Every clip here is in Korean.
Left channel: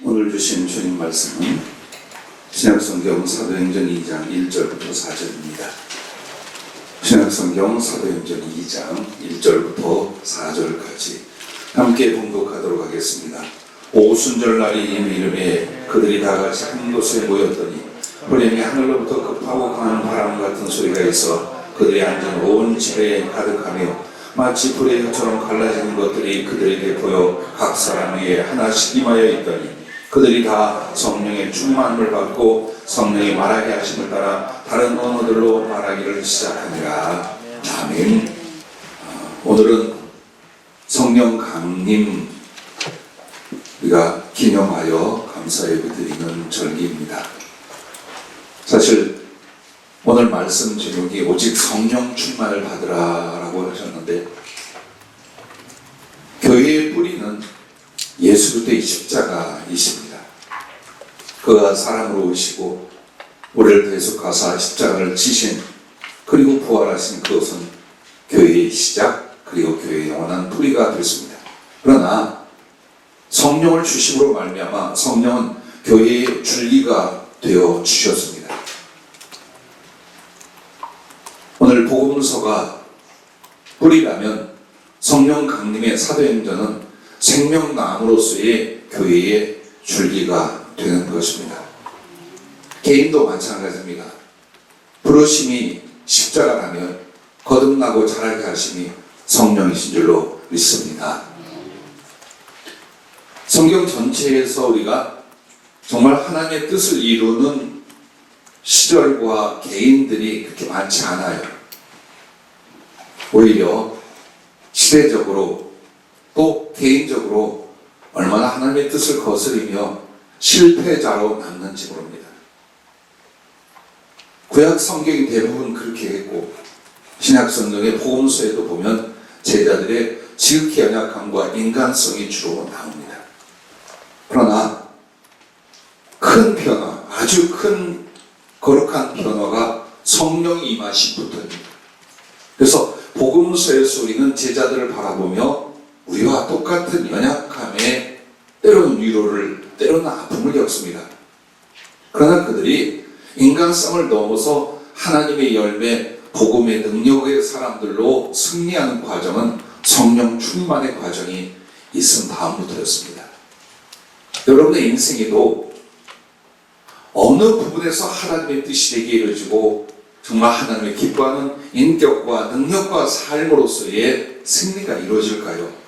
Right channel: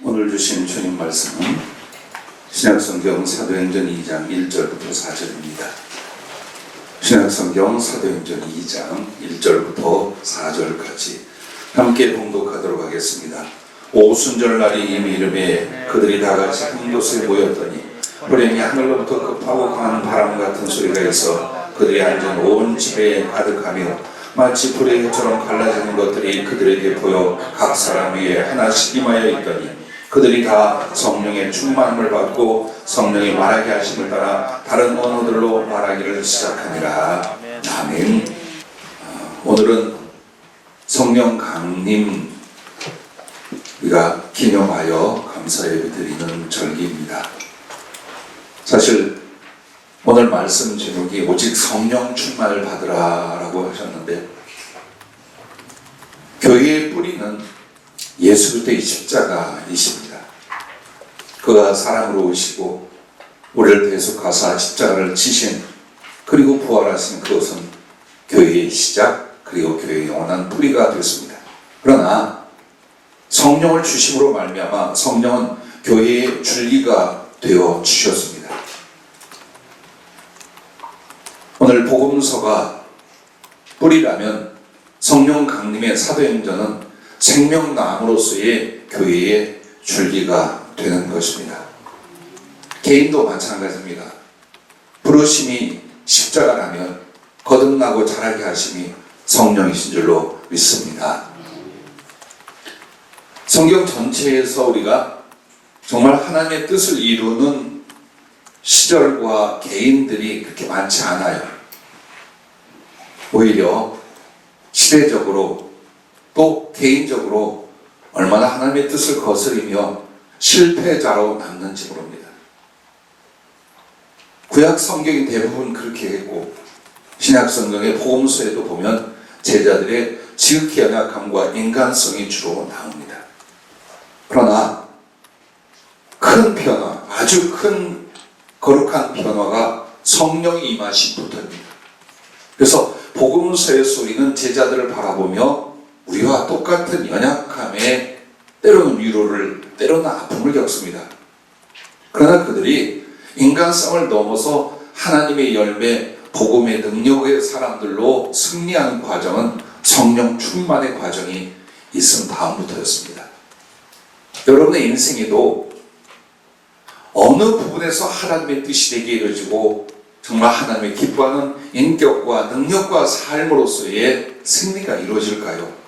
오늘 주신 주님 말씀은 신약성경 사도행전 2장 1절부터 4절입니다. 신약성경 사도행전 2장 1절부터 4절까지 함께 봉독하도록 하겠습니다. 오순절날이 이미 이르매 그들이 다같이 한 곳에 모였더니 호련히 하늘로부터 급하고 강한 바람 같은 소리가 있어 그들이 앉은 온 집에 가득하며 마치 불의 혀처럼 갈라지는 것들이 그들에게 보여 각 사람 위에 하나씩 임하여 있더니 그들이 다 성령의 충만함을 받고 성령이 말하게 하심을 따라 다른 언어들로 말하기를 시작하니라. 아멘. 오늘은 성령 강림 우리가 기념하여 감사 예배 드리는 절기입니다. 사실 오늘 말씀 제목이 오직 성령 충만을 받으라 라고 하셨는데, 교회의 뿌리는 예수 그리스도의 십자가이십니다. 그가 사랑으로 오시고 우리를 대속하사 십자가를 지신 그리고 부활하신 그것은 교회의 시작 그리고 교회의 영원한 뿌리가 됐습니다. 그러나 성령을 주심으로 말미암아 성령은 교회의 줄기가 되어 주셨습니다. 오늘 복음서가 뿌리라면 성령 강림의 사도행전은 생명나무로서의 교회의 줄기가 되는 것입니다. 개인도 마찬가지입니다. 부르심이 십자가라면 거듭나고 자라게 하심이 성령이신 줄로 믿습니다. 성경 전체에서 우리가 정말 하나님의 뜻을 이루는 시절과 개인들이 그렇게 많지 않아요. 오히려 시대적으로 또 개인적으로 얼마나 하나님의 뜻을 거스리며 실패자로 남는지 모릅니다. 구약 성경이 대부분 그렇게 했고 신약 성경의 복음서에도 보면 제자들의 지극히 연약함과 인간성이 주로 나옵니다. 그러나 큰 변화, 아주 큰 거룩한 변화가 성령이 임하심부터입니다. 그래서 복음서에서 우리는 제자들을 바라보며 우리와 똑같은 연약함에 때로는 위로를, 때로는 아픔을 겪습니다. 그러나 그들이 인간성을 넘어서 하나님의 열매, 복음의 능력의 사람들로 승리하는 과정은 성령 충만의 과정이 있은 다음부터였습니다. 여러분의 인생에도 어느 부분에서 하나님의 뜻이 되게 이루어지고 정말 하나님의 기뻐하는 인격과 능력과 삶으로서의 승리가 이루어질까요?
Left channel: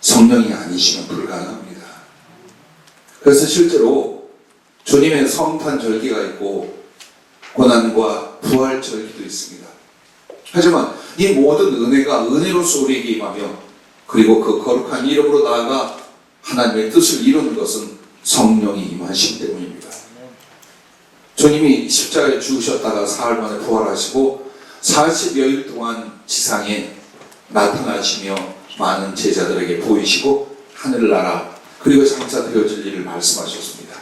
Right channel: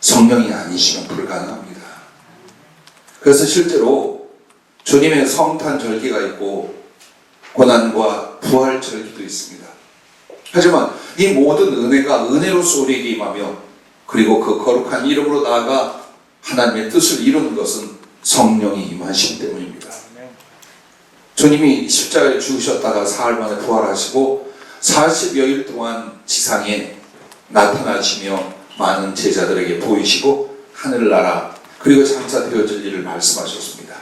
성령이 아니시면 불가능합니다. 그래서 실제로 주님의 성탄 절기가 있고 고난과 부활 절기도 있습니다. 하지만 이 모든 은혜가 은혜로서 우리에게 임하며 그리고 그 거룩한 이름으로 나아가 하나님의 뜻을 이루는 것은 성령이 임하시기 때문입니다. 주님이 십자가에 죽으셨다가 사흘 만에 부활하시고 40여일 동안 지상에 나타나시며 많은 제자들에게 보이시고 하늘나라 그리고 장사되어질 일을 말씀하셨습니다.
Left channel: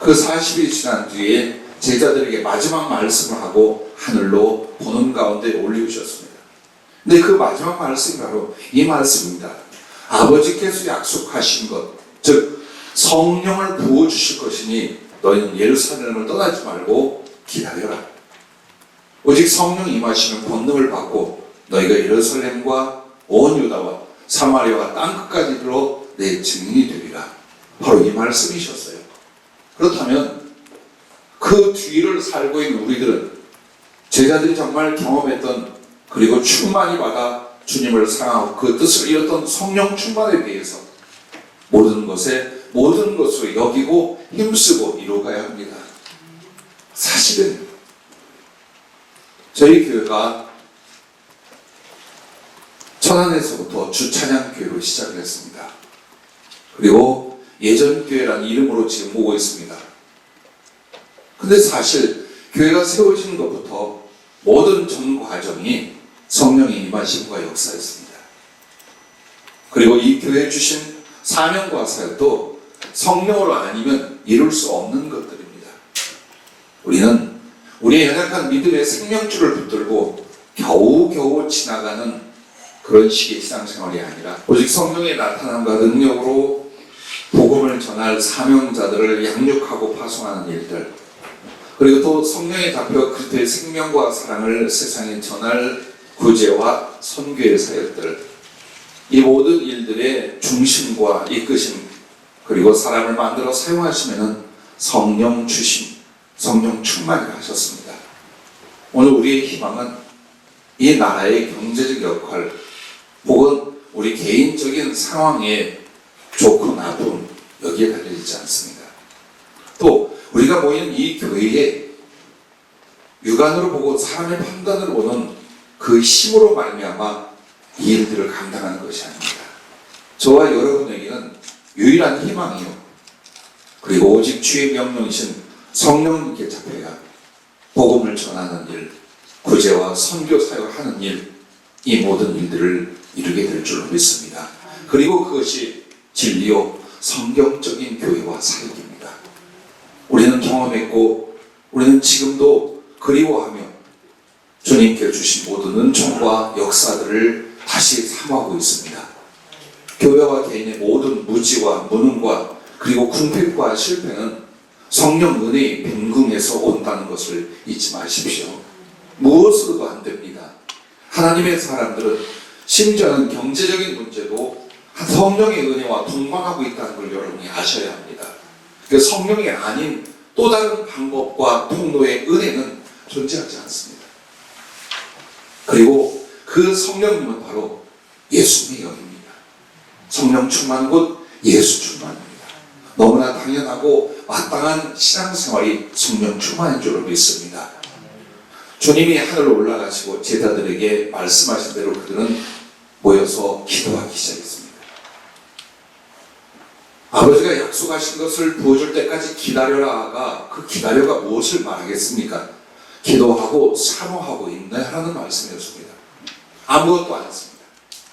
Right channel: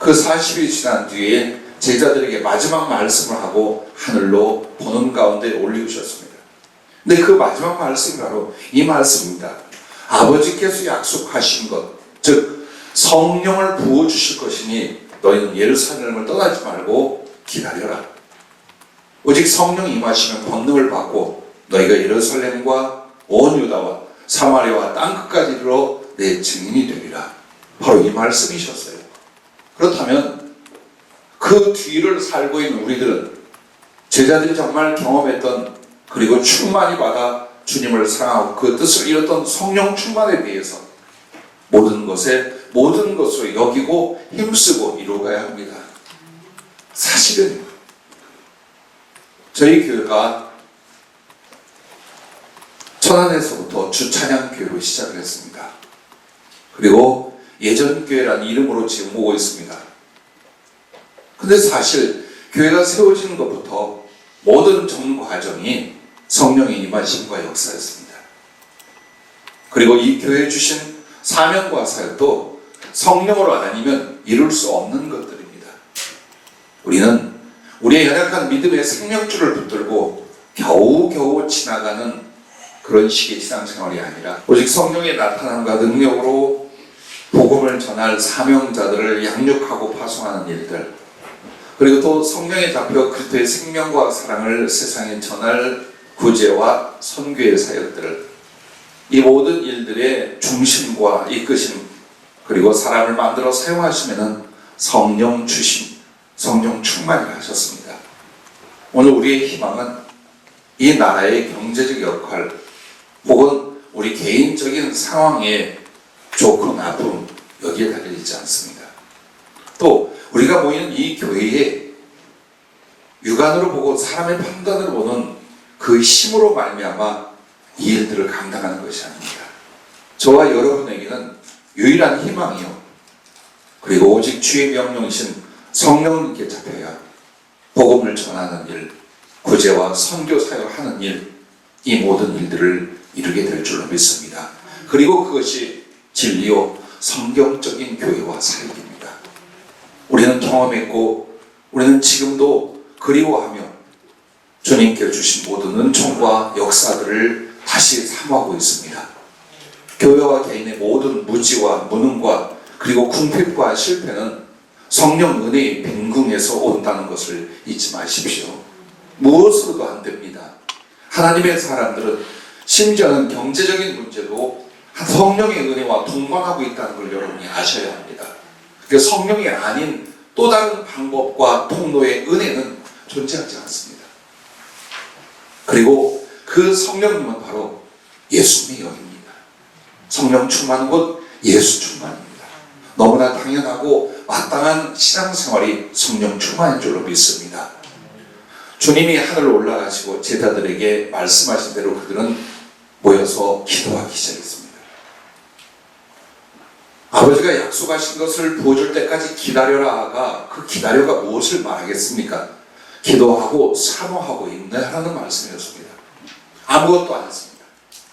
그 40일이 지난 뒤에 제자들에게 마지막 말씀을 하고 하늘로 보는 가운데 올리셨습니다. 근데 그 마지막 말씀이 바로 이 말씀입니다. 아버지께서 약속하신 것, 즉 성령을 부어주실 것이니 너희는 예루살렘을 떠나지 말고 기다려라. 오직 성령이 임하시면 권능을 받고 너희가 예루살렘과 온 유다와 사마리아와 땅끝까지 이르러 내 증인이 되리라. 바로 이 말씀이셨어요. 그렇다면 그 뒤를 살고 있는 우리들은 제자들이 정말 경험했던 그리고 충만히 받아 주님을 사랑하고 그 뜻을 이뤘던 성령 충만에 비해서 모든 것을 여기고 힘쓰고 이루어가야 합니다. 사실은 저희 교회가 천안에서부터 주찬양교회로 시작을 했습니다. 그리고 예전교회라는 이름으로 지금 오고 있습니다. 근데 사실 교회가 세워지는 것부터 모든 전 과정이 성령의 임하심과 역사였습니다. 그리고 이 교회에 주신 사명과 사역도 성령으로 아니면 이룰 수 없는 것들입니다. 우리는 우리의 연약한 믿음의 생명줄을 붙들고 겨우겨우 지나가는 그런 식의 일상생활이 아니라 오직 성령의 나타남과 능력으로 복음을 복음을 전할 사명자들을 양육하고 파송하는 일들, 그리고 또 성령에 잡혀 그리스도의 생명과 사랑을 세상에 전할 구제와 선교의 사역들, 이 모든 일들의 중심과 이끄심, 그리고 사람을 만들어 사용하시면은 성령 주심, 성령 충만을 하셨습니다. 오늘 우리의 희망은 이 나라의 경제적 역할, 혹은 우리 개인적인 상황의 좋고 나쁨, 여기에 달려있지 않습니다. 또 우리가 모이는 이 교회에 육안으로 보고 사람의 판단으로 보는 그 힘으로 말미암아 이 일들을 감당하는 것이 아닙니다. 저와 여러분에게는 유일한 희망이요, 그리고 오직 주의 명령이신 성령님께 잡혀야 복음을 전하는 일, 구제와 선교 사역하는 일, 이 모든 일들을 이루게 될 줄로 믿습니다. 그리고 그것이 진리요 성경적인 교회와 사역입니다. 우리는 경험했고 우리는 지금도 그리워하며 주님께 주신 모든 은총과 역사들을 다시 삼하고 있습니다. 교회와 개인의 모든 무지와 무능과 그리고 궁핍과 실패는 성령 은혜의 빈궁에서 온다는 것을 잊지 마십시오. 무엇으로도 안 됩니다. 하나님의 사람들은 심지어는 경제적인 문제도 성령의 은혜와 동반하고 있다는 걸 여러분이 아셔야 합니다. 그래서 성령이 아닌 또 다른 방법과 통로의 은혜는 존재하지 않습니다. 그리고 그 성령님은 바로 예수님의 영입니다. 성령 충만 곧 예수 충만입니다. 너무나 당연하고 마땅한 신앙생활이 성령 충만인 줄로 믿습니다. 주님이 하늘로 올라가시고 제자들에게 말씀하신 대로 그들은 모여서 기도하기 시작했습니다. 아버지가 약속하신 것을 보여줄 때까지 기다려라가 그 기다려가 무엇을 말하겠습니까? 기도하고 사모하고 인내하라는 말씀이었습니다. 아무것도 안 했습니다.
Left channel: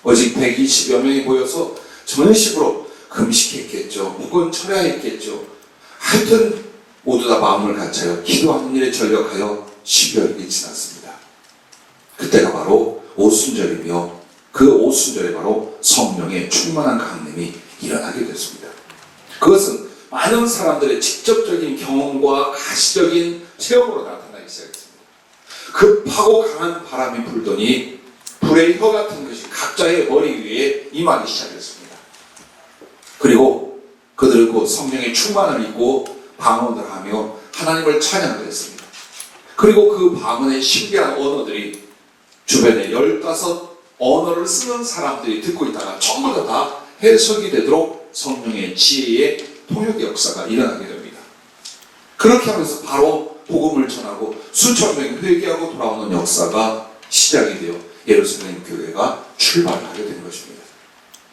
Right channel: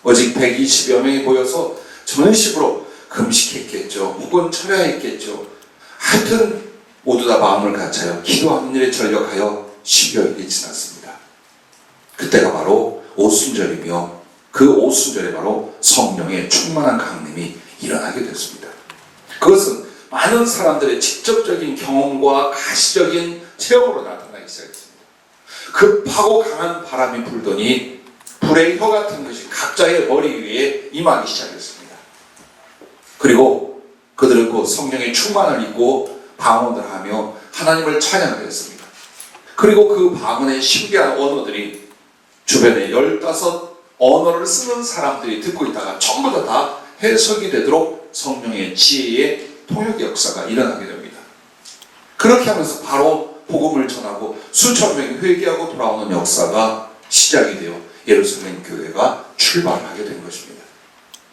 오직 120여 명이 모여서 전식으로 금식했겠죠. 혹은 철야했겠죠. 하여튼 모두 다 마음을 갖춰요. 기도하는 일에 전력하여 10여일이 지났습니다. 그때가 바로 오순절이며 그 오순절에 바로 성령의 충만한 강림이 일어나게 됐습니다. 그것은 많은 사람들의 직접적인 경험과 가시적인 체험으로 나타나기 시작했습니다. 급하고 강한 바람이 불더니 불의 혀 같은 것이 각자의 머리 위에 임하기 시작했습니다. 그리고 그들은 그 성령의 충만을 입고 방언을 하며 하나님을 찬양을 했습니다. 그리고 그 방언의 신비한 언어들이 주변에 15 언어를 쓰는 사람들이 듣고 있다가 전부 다 해석이 되도록 성령의 지혜의 통역 역사가 일어나게 됩니다. 그렇게 하면서 바로 복음을 전하고 수천 명이 회개하고 돌아오는 역사가 시작이 되어 예루살렘 교회가 출발을 하게 된 것입니다.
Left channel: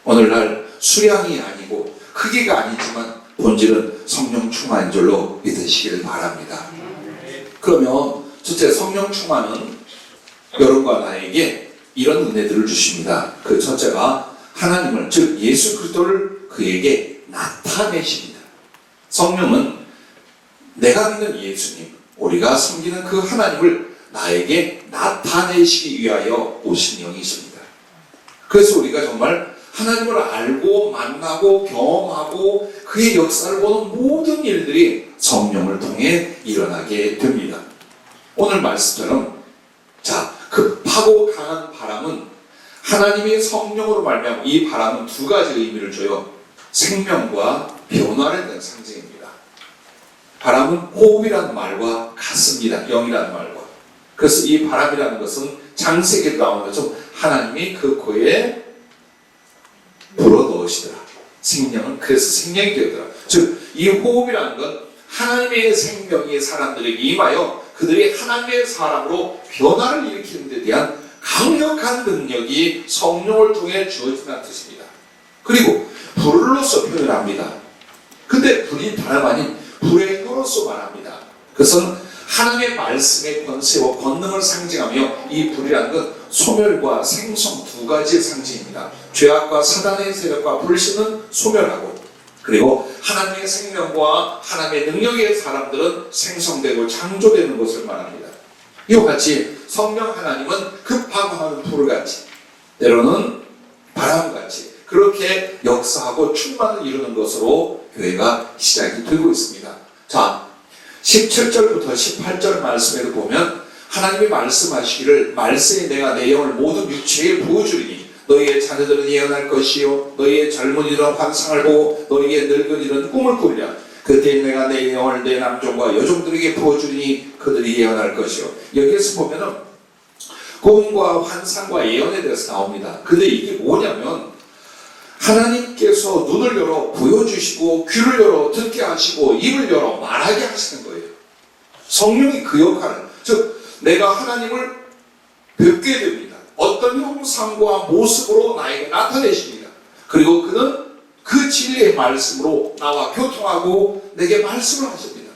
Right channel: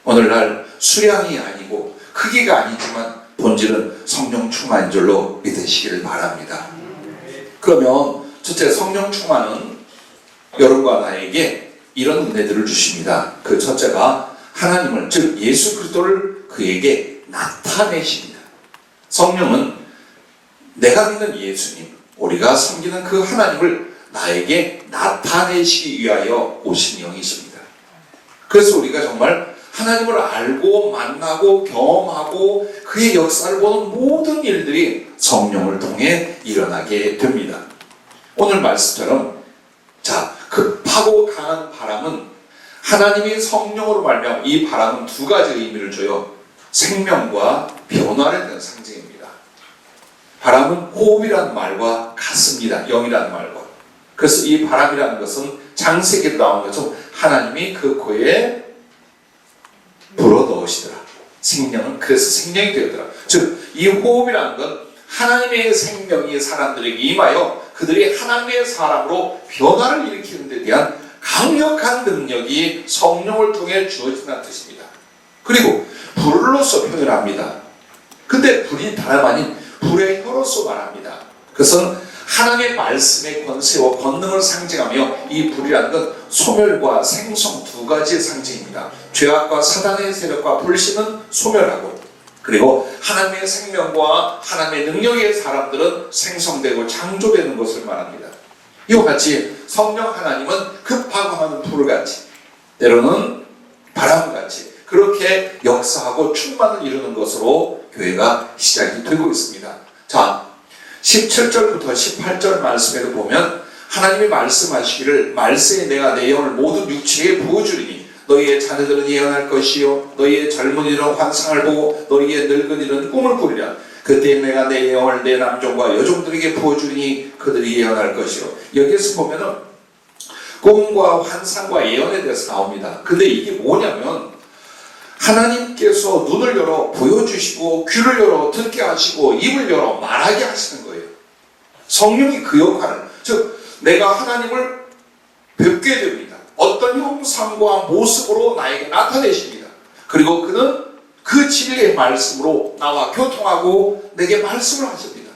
오늘날 수량이 아니고 크기가 아니지만 본질은 성령 충만인 줄로 믿으시기를 바랍니다. 그러면 첫째, 성령 충만은 여러분과 나에게 이런 은혜들을 주십니다. 그 첫째가 하나님을, 즉 예수 그리스도를 그에게 나타내십니다. 성령은 내가 믿는 예수님, 우리가 섬기는 그 하나님을 나에게 나타내시기 위하여 오신 영이십니다. 그래서 우리가 정말 하나님을 알고 만나고 경험하고 그의 역사를 보는 모든 일들이 성령을 통해 일어나게 됩니다. 오늘 말씀처럼 급하고 강한 바람은 하나님의 성령으로 말미암아 이 바람은 두 가지 의미를 줘요. 생명과 변화를 내는 상징입니다. 바람은 호흡이라는 말과 같습니다. 영이라는 말과. 그래서 이 바람이라는 것은 창세기에 나오는 것처럼 하나님이 그 코에 불어 넣으시더라. 생명은 그래서 생명이 되더라. 즉 이 호흡이라는 건 하나님의 생명이 사람들에게 임하여 그들이 하나님의 사람으로 변화를 일으키는 데 대한 강력한 능력이 성령을 통해 주어진다는 뜻입니다. 그리고 불로서 표현합니다. 근데 불이 다름 아닌 불의 혀로서 말합니다. 그것은 하나님의 말씀의 권세와 권능을 상징하며 이 불이라는 건 소멸과 생성 두 가지의 상징입니다. 죄악과 사단의 세력과 불신은 소멸하고, 그리고 하나님의 생명과 하나님의 능력의 사람들은 생성되고 창조되는 것을 말합니다. 이와 같이 성령 하나님은 급하고 하는 불같이, 때로는 바람같이 그렇게 역사하고 충만을 이루는 것으로 교회가 시작이 되고 있습니다. 자, 17절부터 18절 말씀에도 보면 하나님이 말씀하시기를 말세에 내가 내 영을 모든 육체에 부어주리니 너희의 자녀들은 예언할 것이요 너희의 젊은이들은 환상을 보고 너희의 늙은이들은 꿈을 꾸리라. 그때 내가 내 영을 내 남종과 여종들에게 부어주리니 그들이 예언할 것이요. 여기에서 보면은 꿈과 환상과 예언에 대해서 나옵니다. 근데 이게 뭐냐면 하나님께서 눈을 열어 보여주시고 귀를 열어 듣게 하시고 입을 열어 말하게 하시는 거예요. 성령이 그 역할을, 즉 내가 하나님을 뵙게 됩니다. 어떤 형상과 모습으로 나에게 나타내십니다. 그리고 그는 그 진리의 말씀으로 나와 교통하고 내게 말씀을 하십니다.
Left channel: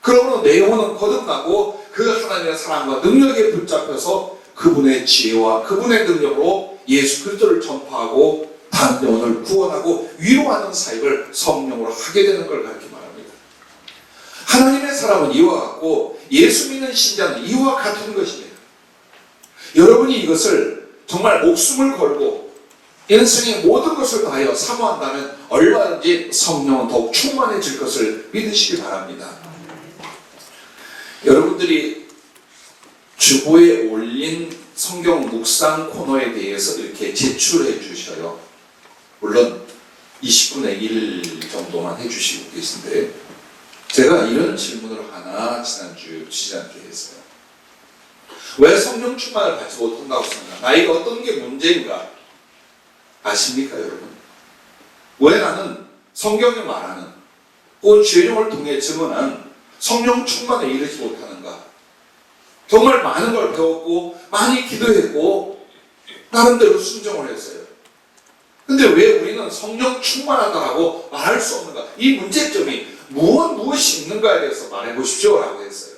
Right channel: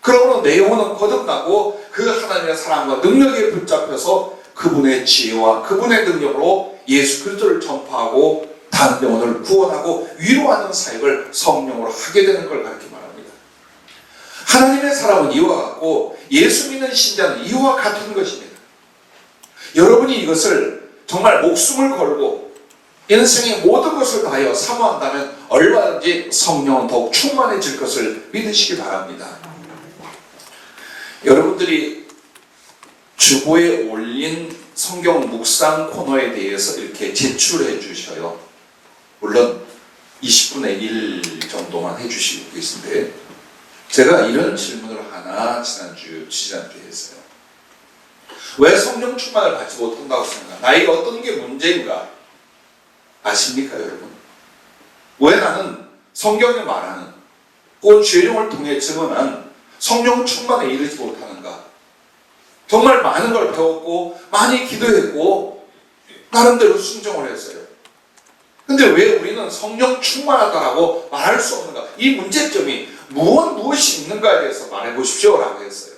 그러므로 내 영혼은 거듭나고 그 하나님의 사랑과 능력에 붙잡혀서 그분의 지혜와 그분의 능력으로 예수 그리스도를 전파하고 다른 영혼을 구원하고 위로하는 사역을 성령으로 하게 되는 걸 가르쳐 말합니다. 하나님의 사람은 이와 같고 예수 믿는 신자는 이와 같은 것입니다. 여러분이 이것을 정말 목숨을 걸고 인생의 모든 것을 다하여 사모한다면 얼마든지 성령은 더욱 충만해질 것을 믿으시기 바랍니다. 여러분들이 주보에 올린 성경 묵상 코너에 대해서 이렇게 제출해 주셔요. 물론 20분의 1 정도만 해주시고 계신데 제가 이런 질문을 하나 지난주에 했어요. 왜 성령 충만을 받지 못한다고 생각합니까? 나이가 어떤 게 문제인가? 아십니까 여러분? 왜 나는 성경에 말하는 그 죄종을 통해 증언한 성령 충만에 이르지 못하는가? 정말 많은 걸 배웠고 많이 기도했고 나름대로 순종을 했어요. 근데 왜 우리는 성령 충만하다라고 말할 수 없는가? 이 문제점이 무엇이 있는가에 대해서 말해보십시오 라고 했어요.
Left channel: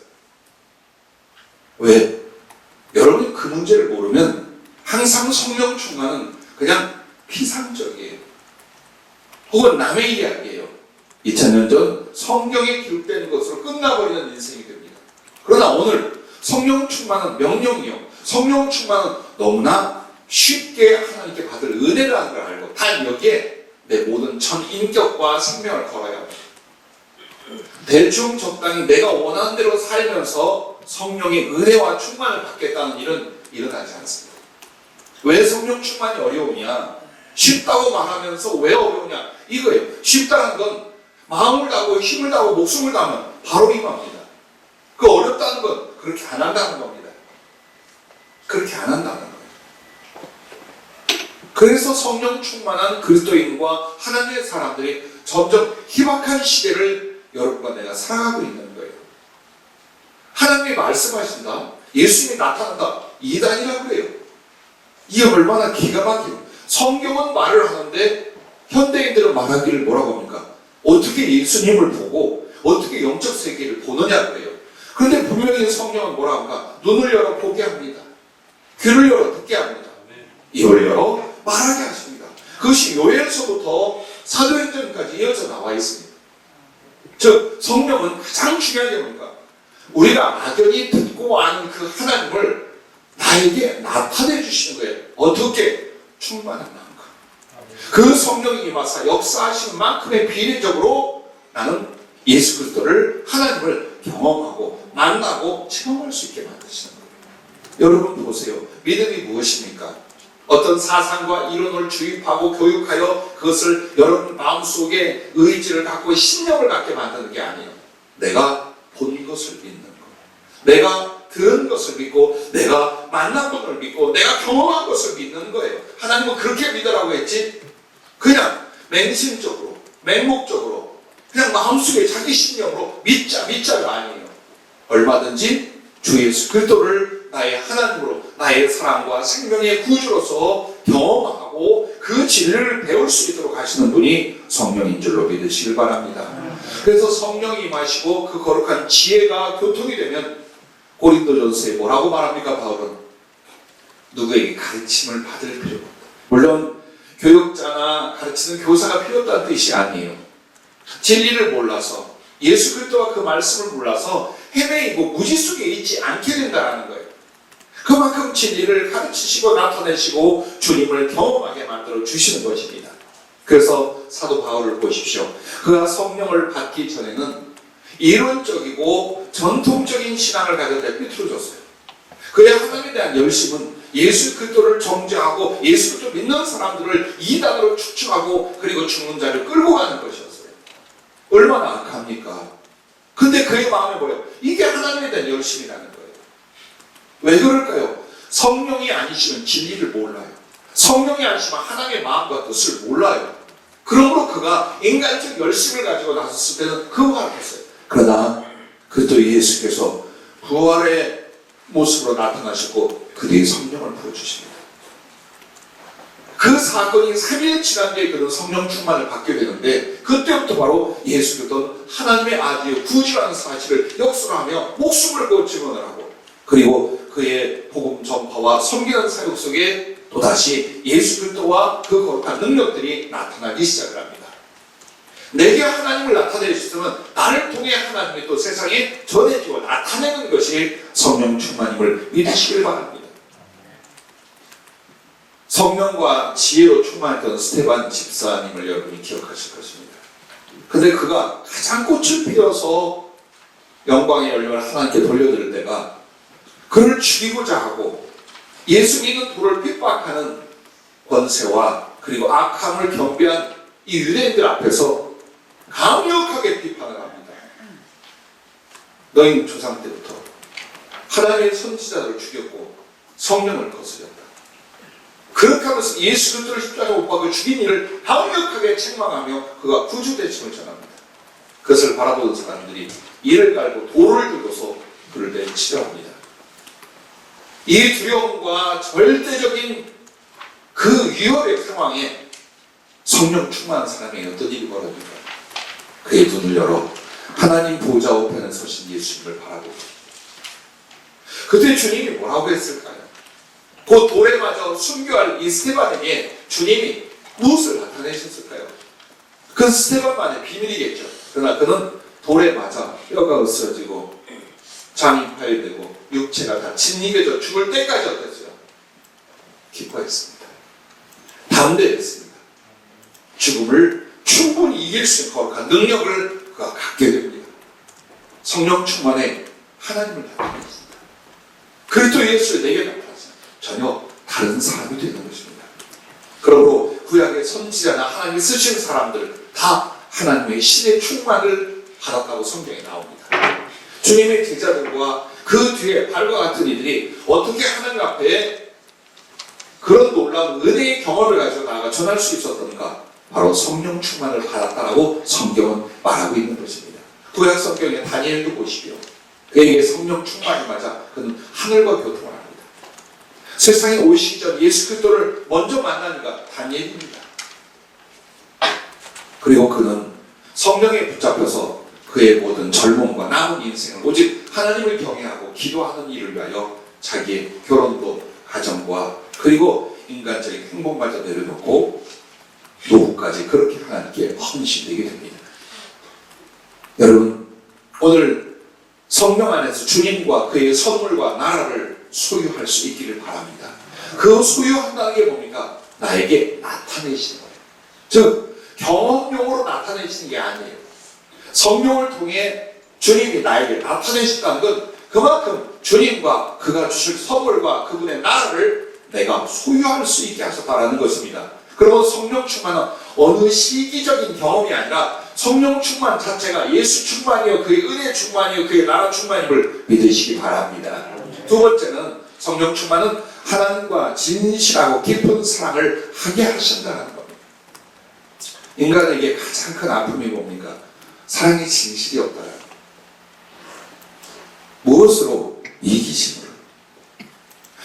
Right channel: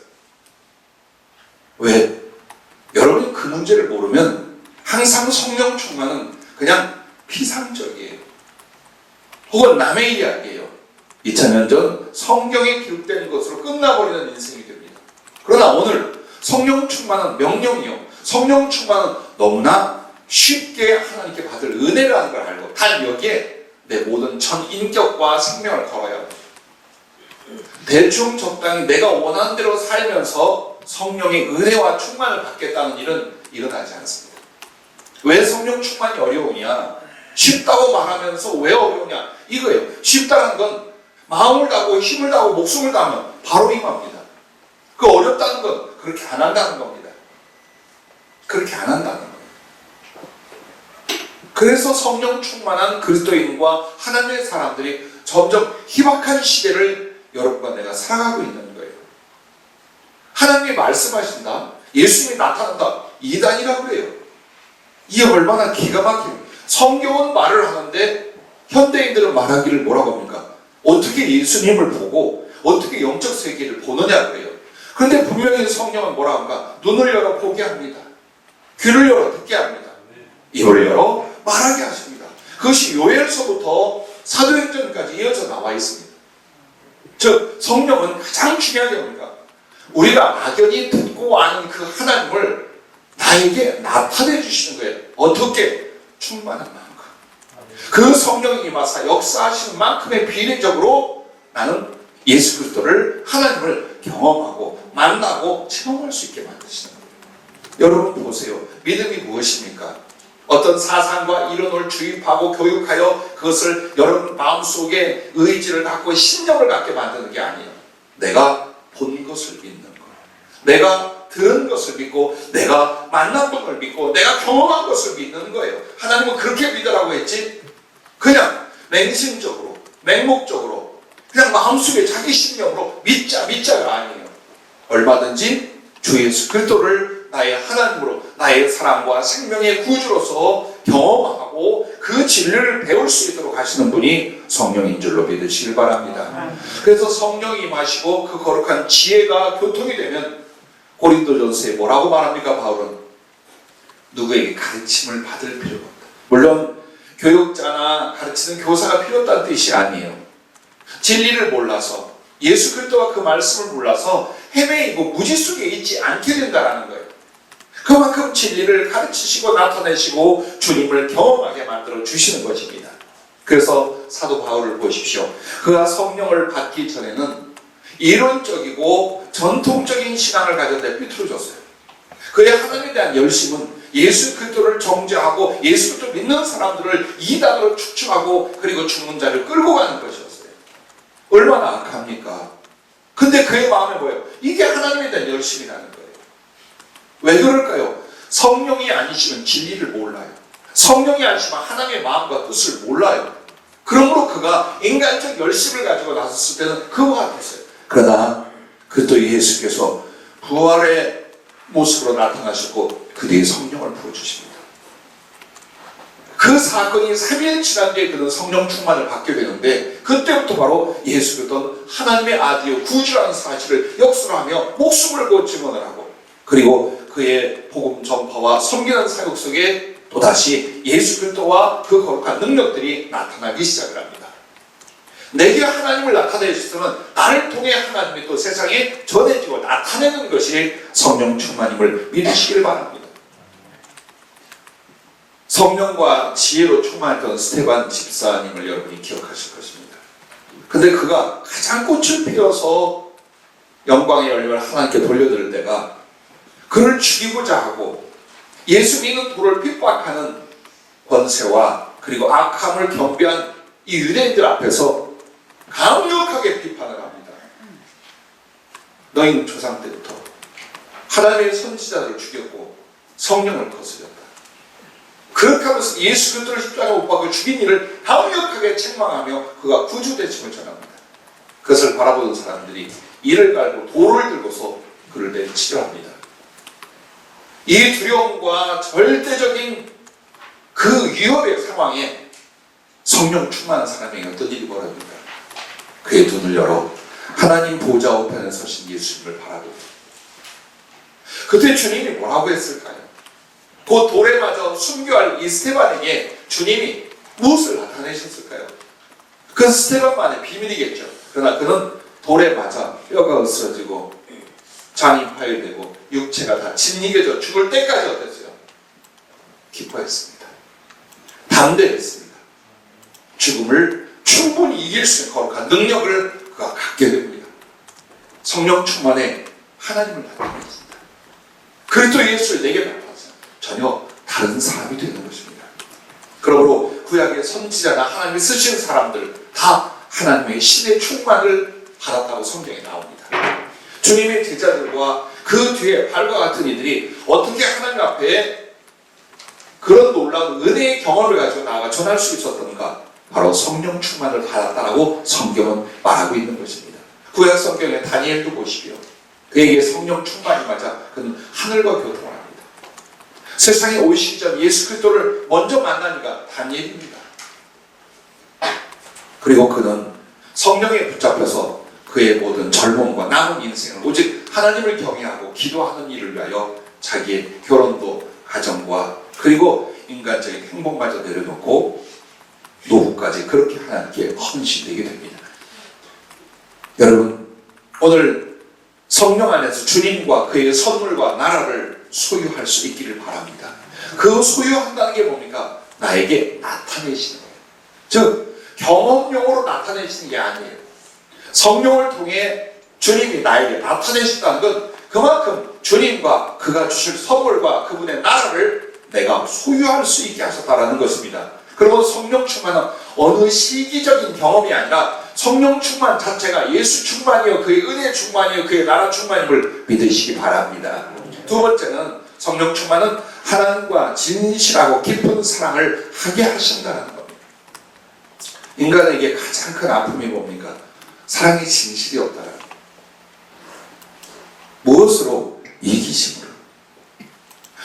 왜? 여러분이 그 문제를 모르면 항상 성령 충만은 그냥 피상적이에요. 혹은 남의 이야기예요. 2000년 전 성경에 기록된 것으로 끝나버리는 인생이 됩니다. 그러나 오늘 성령 충만은 명령이요. 성령 충만은 너무나 쉽게 하나님께 받을 은혜라는 걸 알고 단 여기에 내 모든 전 인격과 생명을 걸어야 합니다. 대충 적당히 내가 원하는 대로 살면서 성령의 은혜와 충만을 받겠다는 일은 일어나지 않습니다. 왜 성령 충만이 어려우냐? 쉽다고 말하면서 왜 어려우냐? 이거예요. 쉽다는 건 마음을 다하고 힘을 다하고 목숨을 다하면 바로 임합니다. 그 어렵다는 건 그렇게 안 한다는 겁니다. 그렇게 안 한다는 거예요. 그래서 성령 충만한 그리스도인과 하나님의 사람들이 점점 희박한 시대를 여러분과 내가 살아가고 있는 거예요. 하나님이 말씀하신다. 예수님이 나타난다. 이단이라고 그래요. 이게 얼마나 기가 막혀요. 성경은 말을 하는데 현대인들은 말하기를 뭐라고 합니까? 어떻게 예수님을 보고 어떻게 영적 세계를 보느냐고 해요. 그런데 분명히 성경은 뭐라고 합니까? 눈을 열어 보게 합니다. 귀를 열어 듣게 합니다. 입을 열어 말하게 하십니다. 그것이 요엘서부터 사도행전까지 이어져 나와 있습니다. 즉 성령은 가장 중요한 게 뭡니까? 우리가 막연히 듣고 아는 그 하나님을 나에게 나타내 주시는 거예요. 어떻게? 충만한 마음과 그 성령이 임하사 역사하시는 만큼의 비례적으로 나는 예수 그리스도를 하나님을 경험하고 만나고 체험할 수 있게 만드시는 거예요. 여러분 보세요. 믿음이 무엇입니까? 어떤 사상과 이론을 주입하고 교육하여 그것을 여러분 마음속에 의지를 갖고 신념을 갖게 만드는 게 아니에요. 내가 본 것을 믿는 거예요. 내가 들은 것을 믿고 내가 만난 분을 믿고 내가 경험한 것을 믿는 거예요. 하나님은 그렇게 믿으라고 했지 그냥 맹심적으로 맹목적으로 그냥 마음속에 자기 신념으로 믿자가 아니에요. 얼마든지 주 예수 그리스도를 나의 하나님으로 나의 사랑과 생명의 구주로서 경험하고 그 진리를 배울 수 있도록 하시는 분이 성령인 줄로 믿으시길 바랍니다. 그래서 성령이 임하시고 그 거룩한 지혜가 교통이 되면 고린도전서에 뭐라고 말합니까? 바울은 누구에게 가르침을 받을 필요가 없다. 물론 교육자나 가르치는 교사가 필요 없다는 뜻이 아니에요. 진리를 몰라서 예수 그리스도와 그 말씀을 몰라서 헤매이고 무지 속에 있지 않게 된다는 거예요. 그만큼 진리를 가르치시고 나타내시고 주님을 경험하게 만들어 주시는 것입니다. 그래서 사도 바울을 보십시오. 그가 성령을 받기 전에는 이론적이고 전통적인 신앙을 가졌는데 삐뚤어졌어요. 그의 하나님에 대한 열심은 예수 그리스도를 정죄하고 예수 그리스도 믿는 사람들을 이단으로 축축하고 그리고 죽는 자를 끌고 가는 것이었어요. 얼마나 악합니까? 근데 그의 마음에 뭐예요? 이게 하나님에 대한 열심이라는 거예요. 왜 그럴까요? 성령이 아니시면 진리를 몰라요. 성령이 아니시면 하나님의 마음과 뜻을 몰라요. 그러므로 그가 인간적 열심을 가지고 나섰을 때는 그와 같았어요. 그러나 그리스도 예수께서 부활의 모습으로 나타나셨고 그들이 성령을 부어주십니다. 그 사건이 3일 지난 뒤에 그는 성령 충만을 받게 되는데 그때부터 바로 예수 그리스도는 하나님의 아들이요 구주라는 사실을 역설하며 목숨을 걸고 증언을 하고 그리고 그의 복음 전파와 섬기는 사역 속에 또다시 예수 그리스도와 그 거룩한 능력들이 나타나기 시작을 합니다. 내게 하나님을 나타내 주시면 나를 통해 하나님이 또 세상에 전해지고 나타내는 것이 성령 충만임을 믿으시길 바랍니다. 성령과 지혜로 충만했던 스테반 집사님을 여러분이 기억하실 것입니다. 근데 그가 가장 꽃을 피워서 영광의 열매를 하나님께 돌려드릴 때가 그를 죽이고자 하고 예수 믿는 도를 핍박하는 권세와 그리고 악함을 경배한 이 유대인들 앞에서 강력하게 비판을 합니다. 너희는 조상 때부터 하나님의 선지자들을 죽였고 성령을 거스렸다. 그렇게 하면서 예수 그리스도를 십자가에 못 박아 죽인 이를 강력하게 책망하며 그가 구주대칭을 전합니다. 그것을 바라보는 사람들이 이를 깔고 돌을 들고서 그를 내치려합니다. 이 두려움과 절대적인 그 위협의 상황에 성령 충만한 사람에게 어떤 일이 벌어집니까? 그의 눈을 열어 하나님 보좌 우편에 서신 예수님을 바라보고 그때 주님이 뭐라고 했을까요? 그 돌에 맞아 순교할 이 스테반에게 주님이 무엇을 나타내셨을까요? 그건 스테반만의 비밀이겠죠. 그러나 그는 돌에 맞아 뼈가 으스러지고 장이 파열되고 육체가 다 짓이겨져 죽을 때까지 어땠어요? 기뻐했습니다. 담대했습니다. 죽음을 충분히 이길 수 있는 거룩한 능력을 그가 갖게 됩니다. 성령 충만에 하나님을 나타냈습니다. 그리스도 예수를 내게 나타났어요. 전혀 다른 사람이 되는 것입니다. 그러므로 구약의 선지자나 하나님이 쓰시는 사람들 다 하나님의 신의 충만을 받았다고 성경에 나옵니다. 주님의 제자들과 그 뒤에 발과 같은 이들이 어떻게 하나님 앞에 그런 놀라운 은혜의 경험을 가지고 나아가 전할 수 있었던가? 바로 성령 충만을 받았다라고 성경은 말하고 있는 것입니다. 구약 성경에 다니엘도 보시고요. 그에게 성령 충만이 맞아 그는 하늘과 교통을 합니다. 세상에 오시기 전 예수 그리스도를 먼저 만나니까 다니엘입니다. 그리고 그는 성령에 붙잡혀서 그의 모든 젊음과 남은 인생을 오직 하나님을 경외하고 기도하는 일을 위하여 자기의 결혼도 가정과 그리고 인간적인 행복마저 내려놓고 노후까지 그렇게 하나님께 헌신되게 됩니다. 여러분 오늘 성령 안에서 주님과 그의 선물과 나라를 소유할 수 있기를 바랍니다. 그 소유한다는 게 뭡니까? 나에게 나타내시는 거예요. 즉 경험용으로 나타내시는 게 아니에요. 성령을 통해 주님이 나에게 나타내신다는 건 그만큼 주님과 그가 주실 선물과 그분의 나라를 내가 소유할 수 있게 하셨다는 것입니다. 그리고 성령 충만은 어느 시기적인 경험이 아니라 성령 충만 자체가 예수 충만이요 그의 은혜 충만이요 그의 나라 충만임을 믿으시기 바랍니다. 두 번째는 성령 충만은 하나님과 진실하고 깊은 사랑을 하게 하신다는 겁니다. 인간에게 가장 큰 아픔이 뭡니까? 사랑의 진실이 없다라는 거예요. 무엇으로? 이기심으로.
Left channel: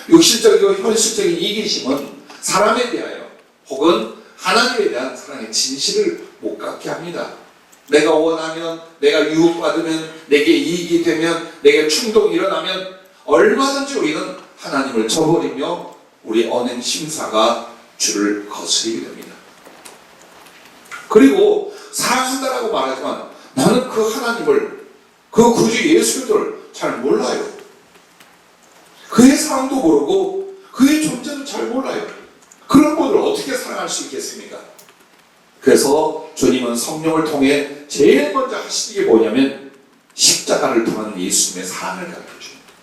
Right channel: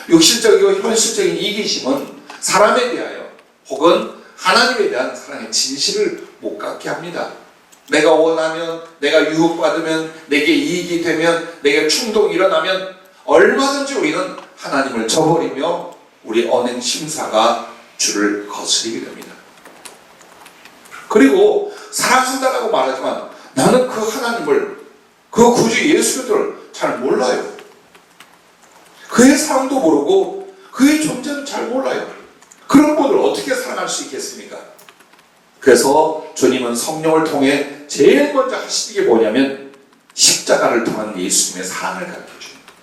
육신적이고 현실적인 이기심은 사람에 대하여 혹은 하나님에 대한 사랑의 진실을 못 갖게 합니다. 내가 원하면, 내가 유혹받으면, 내게 이익이 되면, 내게 충동이 일어나면 얼마든지 우리는 하나님을 저버리며 우리 언행 심사가 주를 거스리게 됩니다. 그리고 사랑한다라고 말하지만 나는 그 하나님을, 그 구주 예수 그리스도를 잘 몰라요. 그의 사랑도 모르고 그의 존재도 잘 몰라요. 그런 분을 어떻게 사랑할 수 있겠습니까? 그래서 주님은 성령을 통해 제일 먼저 하시는 게 뭐냐면 십자가를 통한 예수님의 사랑을 가르쳐줍니다.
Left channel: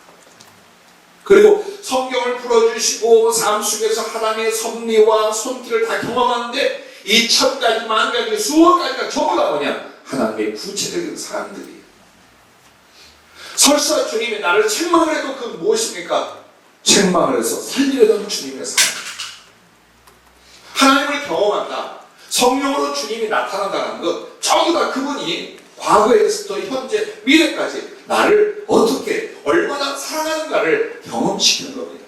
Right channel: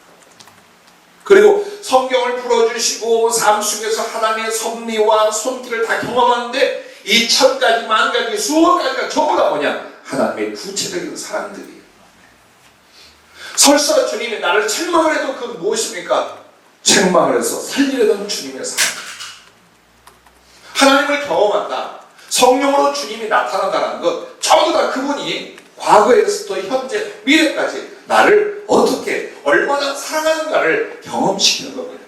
그리고 성경을 풀어주시고 삶 속에서 하나님의 섭리와 손길을 다 경험하는데 이 1000가지, 10,000가지, 수억 가지가 전부 다 뭐냐? 하나님의 구체적인 사랑들이에요. 설사 주님이 나를 책망을 해도 그건 무엇입니까? 책망을 해서 살리려던 주님의 사랑. 하나님을 경험한다. 성령으로 주님이 나타난다는 것 전부 다 그분이 과거에서부터 현재, 미래까지 나를 어떻게 얼마나 사랑하는가를 경험시키는 겁니다.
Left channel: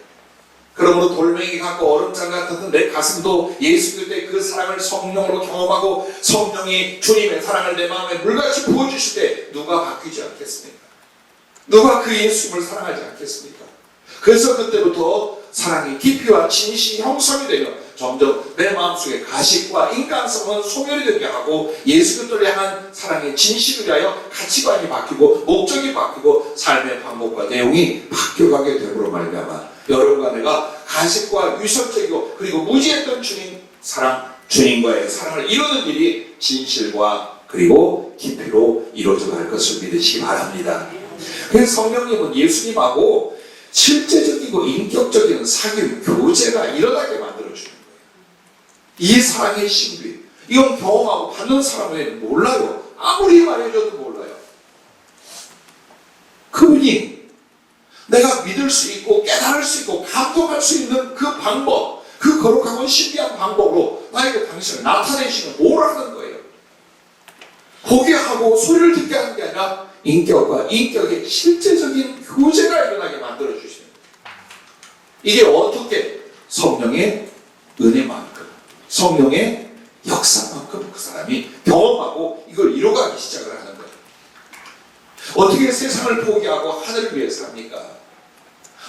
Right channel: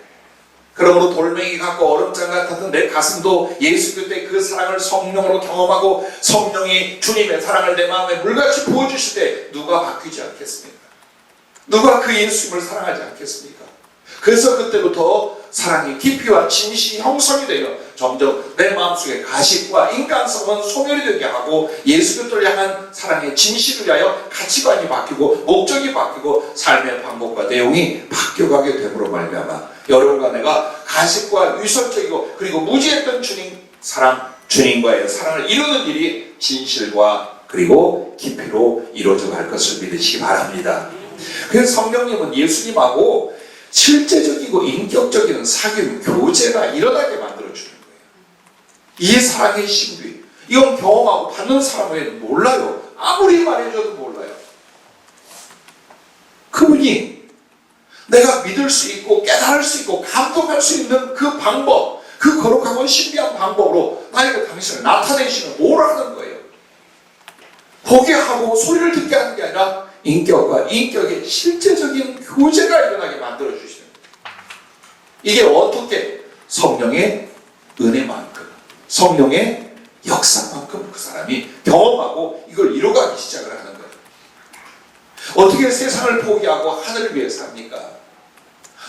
그러므로 돌멩이 같고 얼음장 같았던 내 가슴도 예수 그리스도의 그 사랑을 성령으로 경험하고 성령이 주님의 사랑을 내 마음에 물같이 부어주실 때 누가 바뀌지 않겠습니까? 누가 그 예수님을 사랑하지 않겠습니까? 그래서 그때부터 사랑이 깊이와 진실이 형성이 되며 점점 내 마음속에 가식과 인간성은 소멸이 되게 하고 예수 그리스도를 향한 사랑의 진실을 위하여 가치관이 바뀌고 목적이 바뀌고 삶의 방법과 내용이 바뀌어가게 됨으로 말미암아 여러분과 내가 가식과 위선적이고 그리고 무지했던 주님 사랑, 주님과의 사랑을 이루는 일이 진실과 그리고 깊이로 이루어져 갈 것을 믿으시기 바랍니다. 그래서 성령님은 예수님하고 실제적이고 인격적인 사귐, 교제가 일어나게 만들어주는 거예요. 이 사랑의 신비, 이건 경험하고 받는 사람은 몰라요. 아무리 말해줘도 몰라요. 그분이 내가 믿을 수 있고 깨달을 수 있고 감동할 수 있는 그 방법, 그 거룩하고 신비한 방법으로 나에게 당신을 나타내시는 뭘 하는 거예요. 보게 하고 소리를 듣게 하는 게 아니라 인격과 인격의 실제적인 교제가 일어나게 만들어주시는 거예요. 이게 어떻게? 성령의 은혜만큼, 성령의 역사만큼 그 사람이 경험하고 이걸 이뤄가기 시작을 하는 거예요. 어떻게 세상을 포기하고 하늘을 위해 삽니까?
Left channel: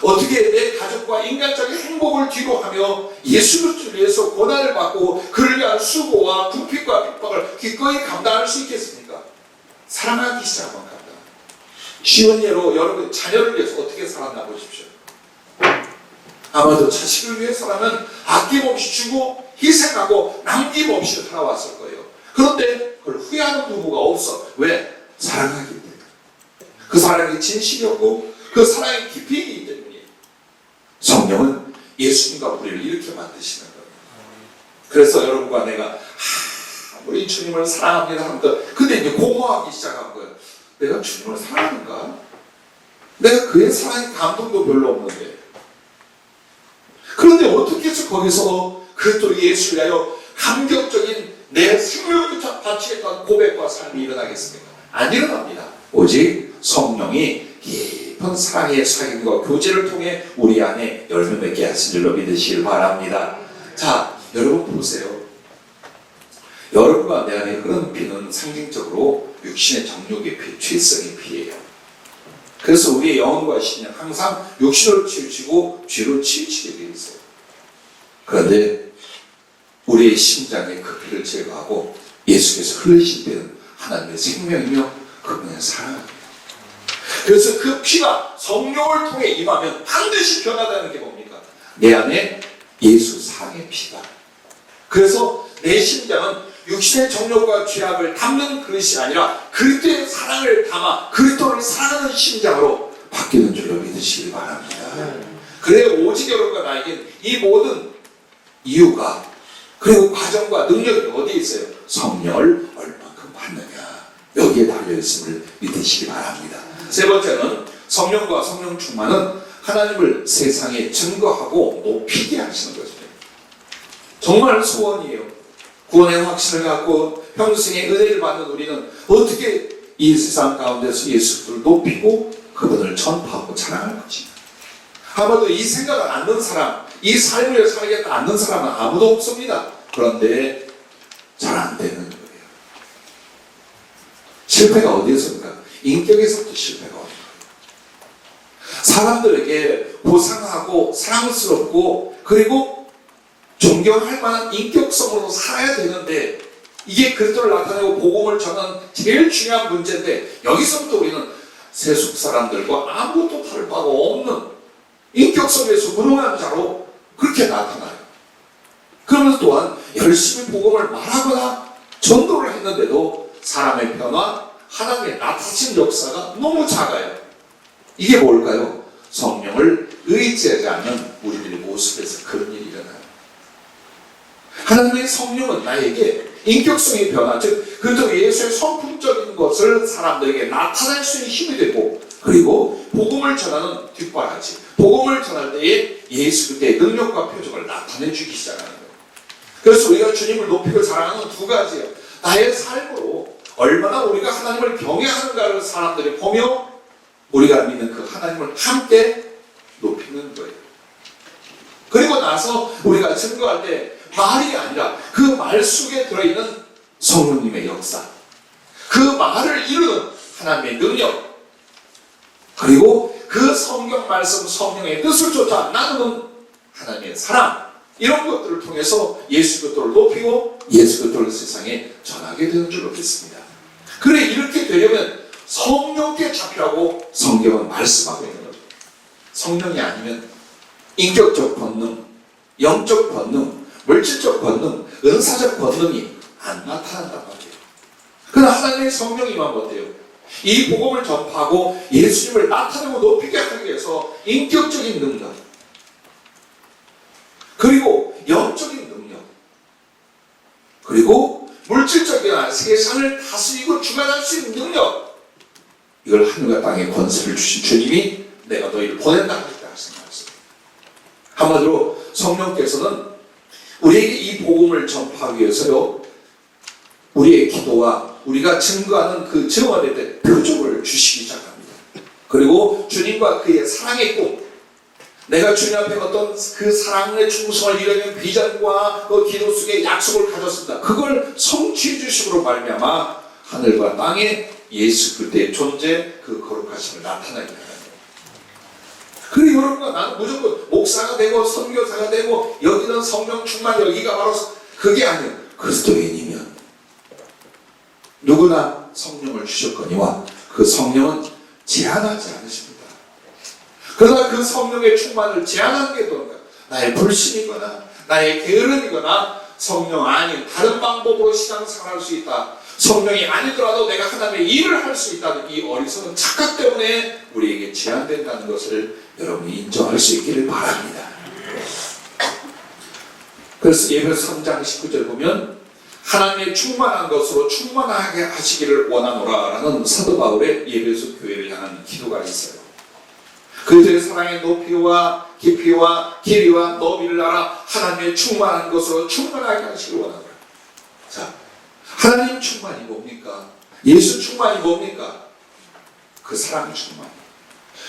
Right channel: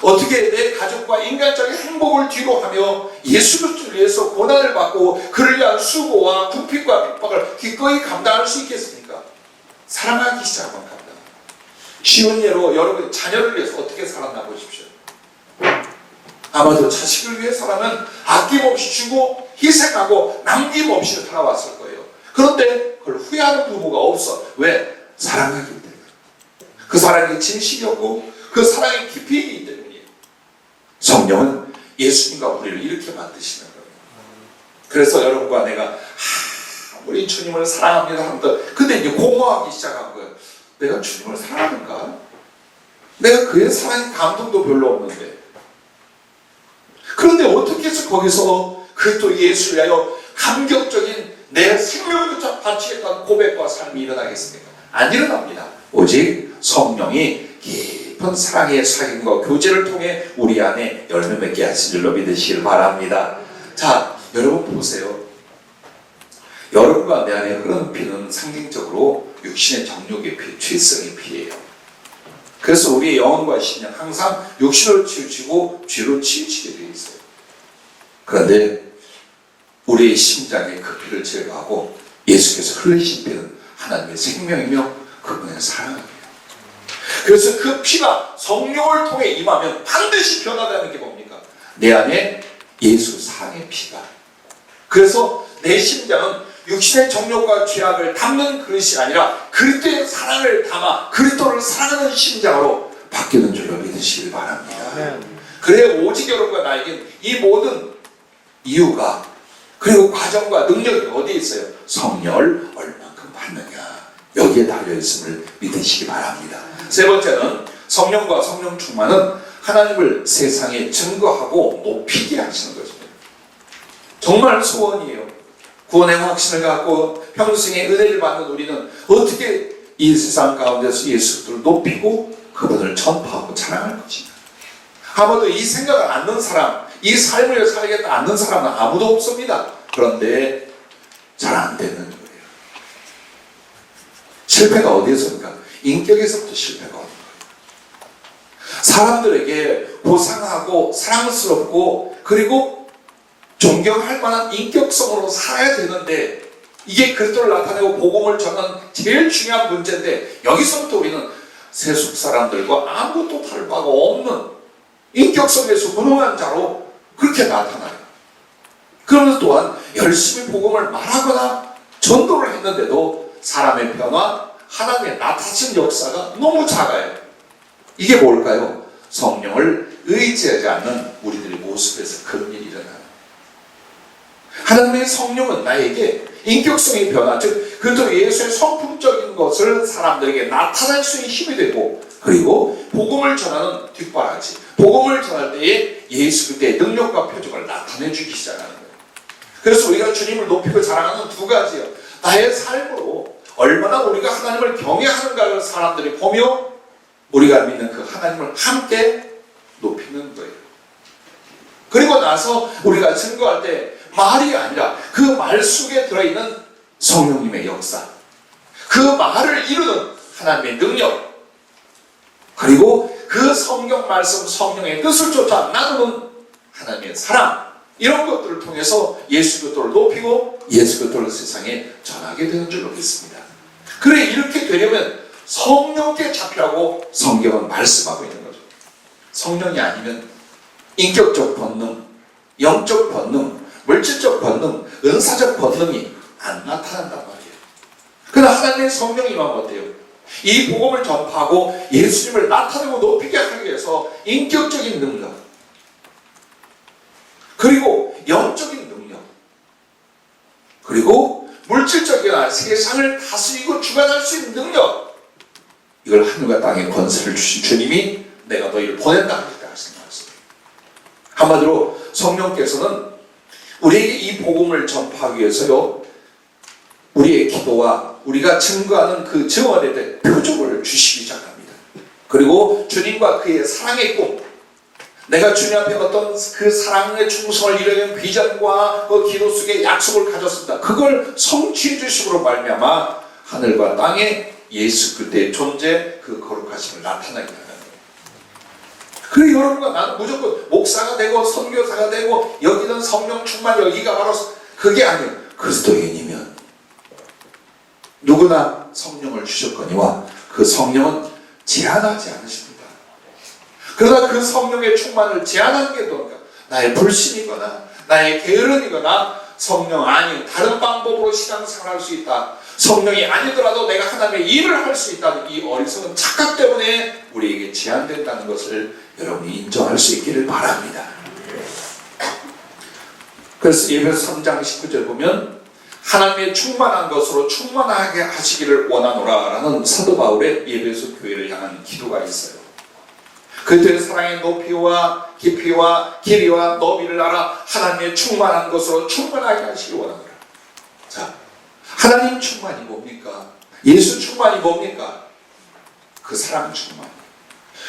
어떻게 내 가족과 인간적인 행복을 뒤로하며 예수 그리스도를 위해서 고난을 받고 그를 위한 수고와 궁핍과 핍박을 기꺼이 감당할 수 있겠습니까? 사랑하기 시작하면 감당. 쉬운 예로 여러분 자녀를 위해서 어떻게 살았나 보십시오. 아마도 자식을 위해서라면 아낌없이 주고 희생하고 남김없이 살아왔을 거예요. 그런데 그걸 후회하는 부부가 없어. 왜? 사랑하기 때문에. 그 사랑이 진실이었고 그 사랑이 깊이이기 때문이에요. 성령은 예수님과 우리를 이렇게 만드시는 거예요. 그래서 여러분과 내가 우리 주님을 사랑합니다 하면서 근데 이제 공허하기 시작한 거예요. 내가 주님을 사랑하는가? 내가 그의 사랑의 감동도 별로 없는데. 그런데 어떻게 해서 거기서 그 또 예수를 위하여 감격적인 내 생명을 바치겠다는 고백과 삶이 일어나겠습니까? 안 일어납니다. 오직 성령이 깊은 사랑의 사귐과 교제를 통해 우리 안에 열매 맺게 하실 줄로 믿으시길 바랍니다. 자, 여러분 보세요. 여러분과 내 안에 흐르는 피는 상징적으로 육신의 정욕의 피, 죄성의 피예요. 그래서 우리의 영혼과 신은 항상 육신으로 치우치고 죄로 치우치게 되어 있어요. 그런데 우리의 심장에 그 피를 제거하고 예수께서 흘리신 피는 하나님의 생명이며 그분의 사랑입니다. 그래서 그 피가 성령을 통해 임하면 반드시 변화되는 게 뭡니까? 내 안에 예수 사랑의 피가. 그래서 내 심장은 육신의 정욕과 죄악을 담는 그릇이 아니라 그리스도의 사랑을 담아 그리스도를 사랑하는 심장으로 바뀌는 줄로 믿으시길 바랍니다. 그래야 오직 여러분과 나에겐 이 모든 이유가 그리고 과정과 능력이 어디에 있어요? 성령을 얼만큼 받느냐 여기에 달려있음을 믿으시기 바랍니다. 세 번째는 성령과 성령 충만은 하나님을 세상에 증거하고 높이게 하시는 것입니다. 정말 소원이에요. 구원의 확신을 갖고 평생의 은혜를 받는 우리는 어떻게 이 세상 가운데서 예수를 높이고 그분을 전파하고 자랑할 것인가? 아무도 이 생각을 않는 사람, 이 삶을 위해 살겠다 않는 사람은 아무도 없습니다. 그런데 잘 안 되는 거예요. 실패가 어디에서입니까? 인격에서부터 실패가 오는 거예요. 사람들에게 보상하고 사랑스럽고 그리고 존경할 만한 인격성으로 살아야 되는데 이게 그리스도를 나타내고 복음을 전하는 제일 중요한 문제인데 여기서부터 우리는 세속 사람들과 아무것도 다를 바가 없는 인격성에서 무능한 자로 그렇게 나타나요. 그러면서 또한 열심히 복음을 말하거나 전도를 했는데도 사람의 변화, 하나님의 나타나신 역사가 너무 작아요. 이게 뭘까요? 성령을 의지하지 않는 우리들의 모습에서 그런 일이 일어나요. 하나님의 성령은 나에게 인격성의 변화, 즉 그저 예수의 성품적인 것을 사람들에게 나타낼 수 있는 힘이 되고, 그리고 복음을 전하는 뒷바라지, 복음을 전할 때에 예수 그리스도의 능력과 표적을 나타내주기 시작하는 거예요. 그래서 우리가 주님을 높이고 자랑하는 두 가지예요. 나의 삶으로 얼마나 우리가 하나님을 경외하는가를 사람들이 보며 우리가 믿는 그 하나님을 함께 높이는 거예요. 그리고 나서 우리가 증거할 때 말이 아니라 그 말 속에 들어있는 성령님의 역사, 그 말을 이루는 하나님의 능력, 그리고 그 성경 말씀, 성령의 뜻을 쫓아 나누는 하나님의 사랑, 이런 것들을 통해서 예수 그리스도를 높이고 예수 그리스도를 세상에 전하게 되는 줄 믿습니다. 그래, 이렇게 되려면 성령께 잡히라고 성경은 말씀하고 있는 거죠. 성령이 아니면 인격적 본능, 영적 본능, 물질적 본능, 은사적 본능이 안 나타난단 말이에요. 그러나 하나님의 성령이만 어때요? 이 복음을 전파하고 예수님을 나타내고 높이게 하기 위해서 인격적인 능력, 그리고 영적인 능력, 그리고 물질적인 세상을 다스리고 주관할 수 있는 능력, 이걸 하늘과 땅에 권세를 주신 주님이 내가 너희를 보낸다 이렇게 하신 말씀이에요. 한마디로 성령께서는 우리에게 이 복음을 전파하기 위해서요, 우리의 기도와 우리가 증거하는 그 증언에 대해 표적을 주시기 시작합니다. 그리고 주님과 그의 사랑의 꿈, 내가 주님 앞에 어떤 그 사랑의 충성을 이루는 비전과 그 기도 속에 약속을 가졌습니다. 그걸 성취해 주심으로 말미암아 하늘과 땅에 예수 그리스도의 존재, 그 거룩하심을 나타내게 하는 거예요. 그리고 여러분과 나는 무조건 목사가 되고 선교사가 되고 여기는 성령 충만, 여기가 바로 그게 아니에요. 그리스도인이면 누구나 성령을 주셨거니와 그 성령은 제한하지 않으십니다. 그러나 그 성령의 충만을 제한하는 게 뭔가? 나의 불신이거나 나의 게으름이거나 성령 아닌 다른 방법으로 신앙생활할 수 있다, 성령이 아니더라도 내가 하나님의 일을 할 수 있다는 이 어리석은 착각 때문에 우리에게 제한된다는 것을 여러분이 인정할 수 있기를 바랍니다. 그래서 예배서 3장 19절 보면 하나님의 충만한 것으로 충만하게 하시기를 원하노라 라는 사도 바울의 예배소 교회를 향한 기도가 있어요. 그들의 사랑의 높이와 깊이와 길이와 너비를 알아 하나님의 충만한 것으로 충만하게 하시기를 원하노라. 자, 하나님 충만이 뭡니까? 예수 충만이 뭡니까? 그 사랑 충만.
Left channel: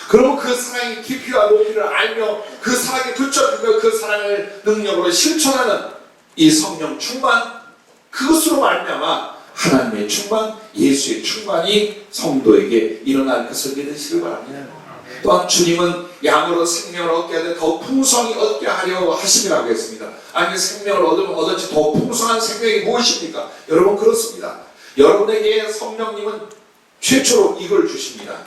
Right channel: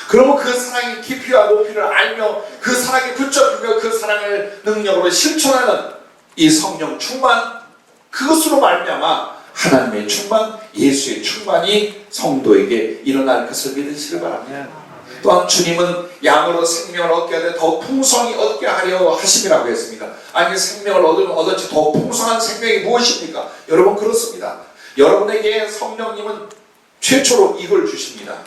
그러면 그 사랑의 깊이와 높이를 알며 그 사랑에 붙잡히며 그 사랑을 능력으로 실천하는 이 성령 충만, 그것으로 말미암아 하나님의 충만, 예수의 충만이 성도에게 일어날 것을 믿으시길 바랍니다. 또한 주님은 양으로 생명을 얻게 하되 더 풍성히 얻게 하려 하심이라고 했습니다. 아니, 생명을 얻으면 얻었지 더 풍성한 생명이 무엇입니까? 여러분, 그렇습니다. 여러분에게 성령님은 최초로 이걸 주십니다.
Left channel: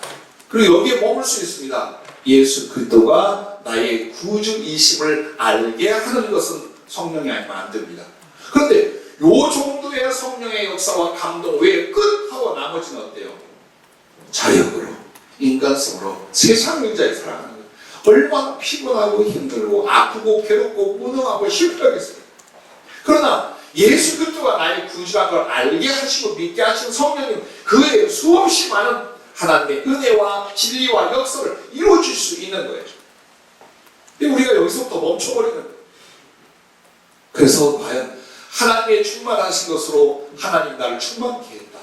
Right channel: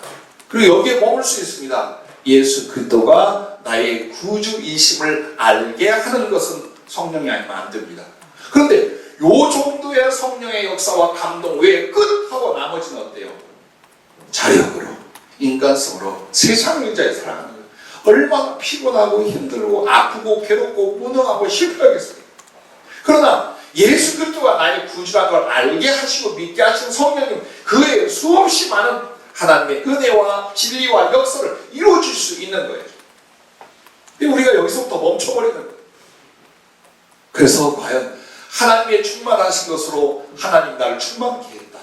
그리고 여기에 머물 수 있습니다. 예수 그리스도가 나의 구주이심을 알게 하는 것은 성령이 아니면 안 됩니다. 그런데 요 정도의 성령의 역사와 감동 외에 끝하고 나머지는 어때요? 자력으로, 인간성으로 세상 인자에 살아가는 거예요. 얼마나 피곤하고 힘들고 아프고 괴롭고 무능하고 실패하겠어요. 그러나 예수 그리스도가 나의 구주라는 걸 알게 하시고 믿게 하신 성령님, 그 외에 수없이 많은 하나님의 은혜와 진리와 역사를 이루어줄 수 있는 거예요. 근데 우리가 여기서부터 멈춰버리는 거예요. 그래서 과연 하나님의 충만하신 것으로 하나님 나를 충만케 했다,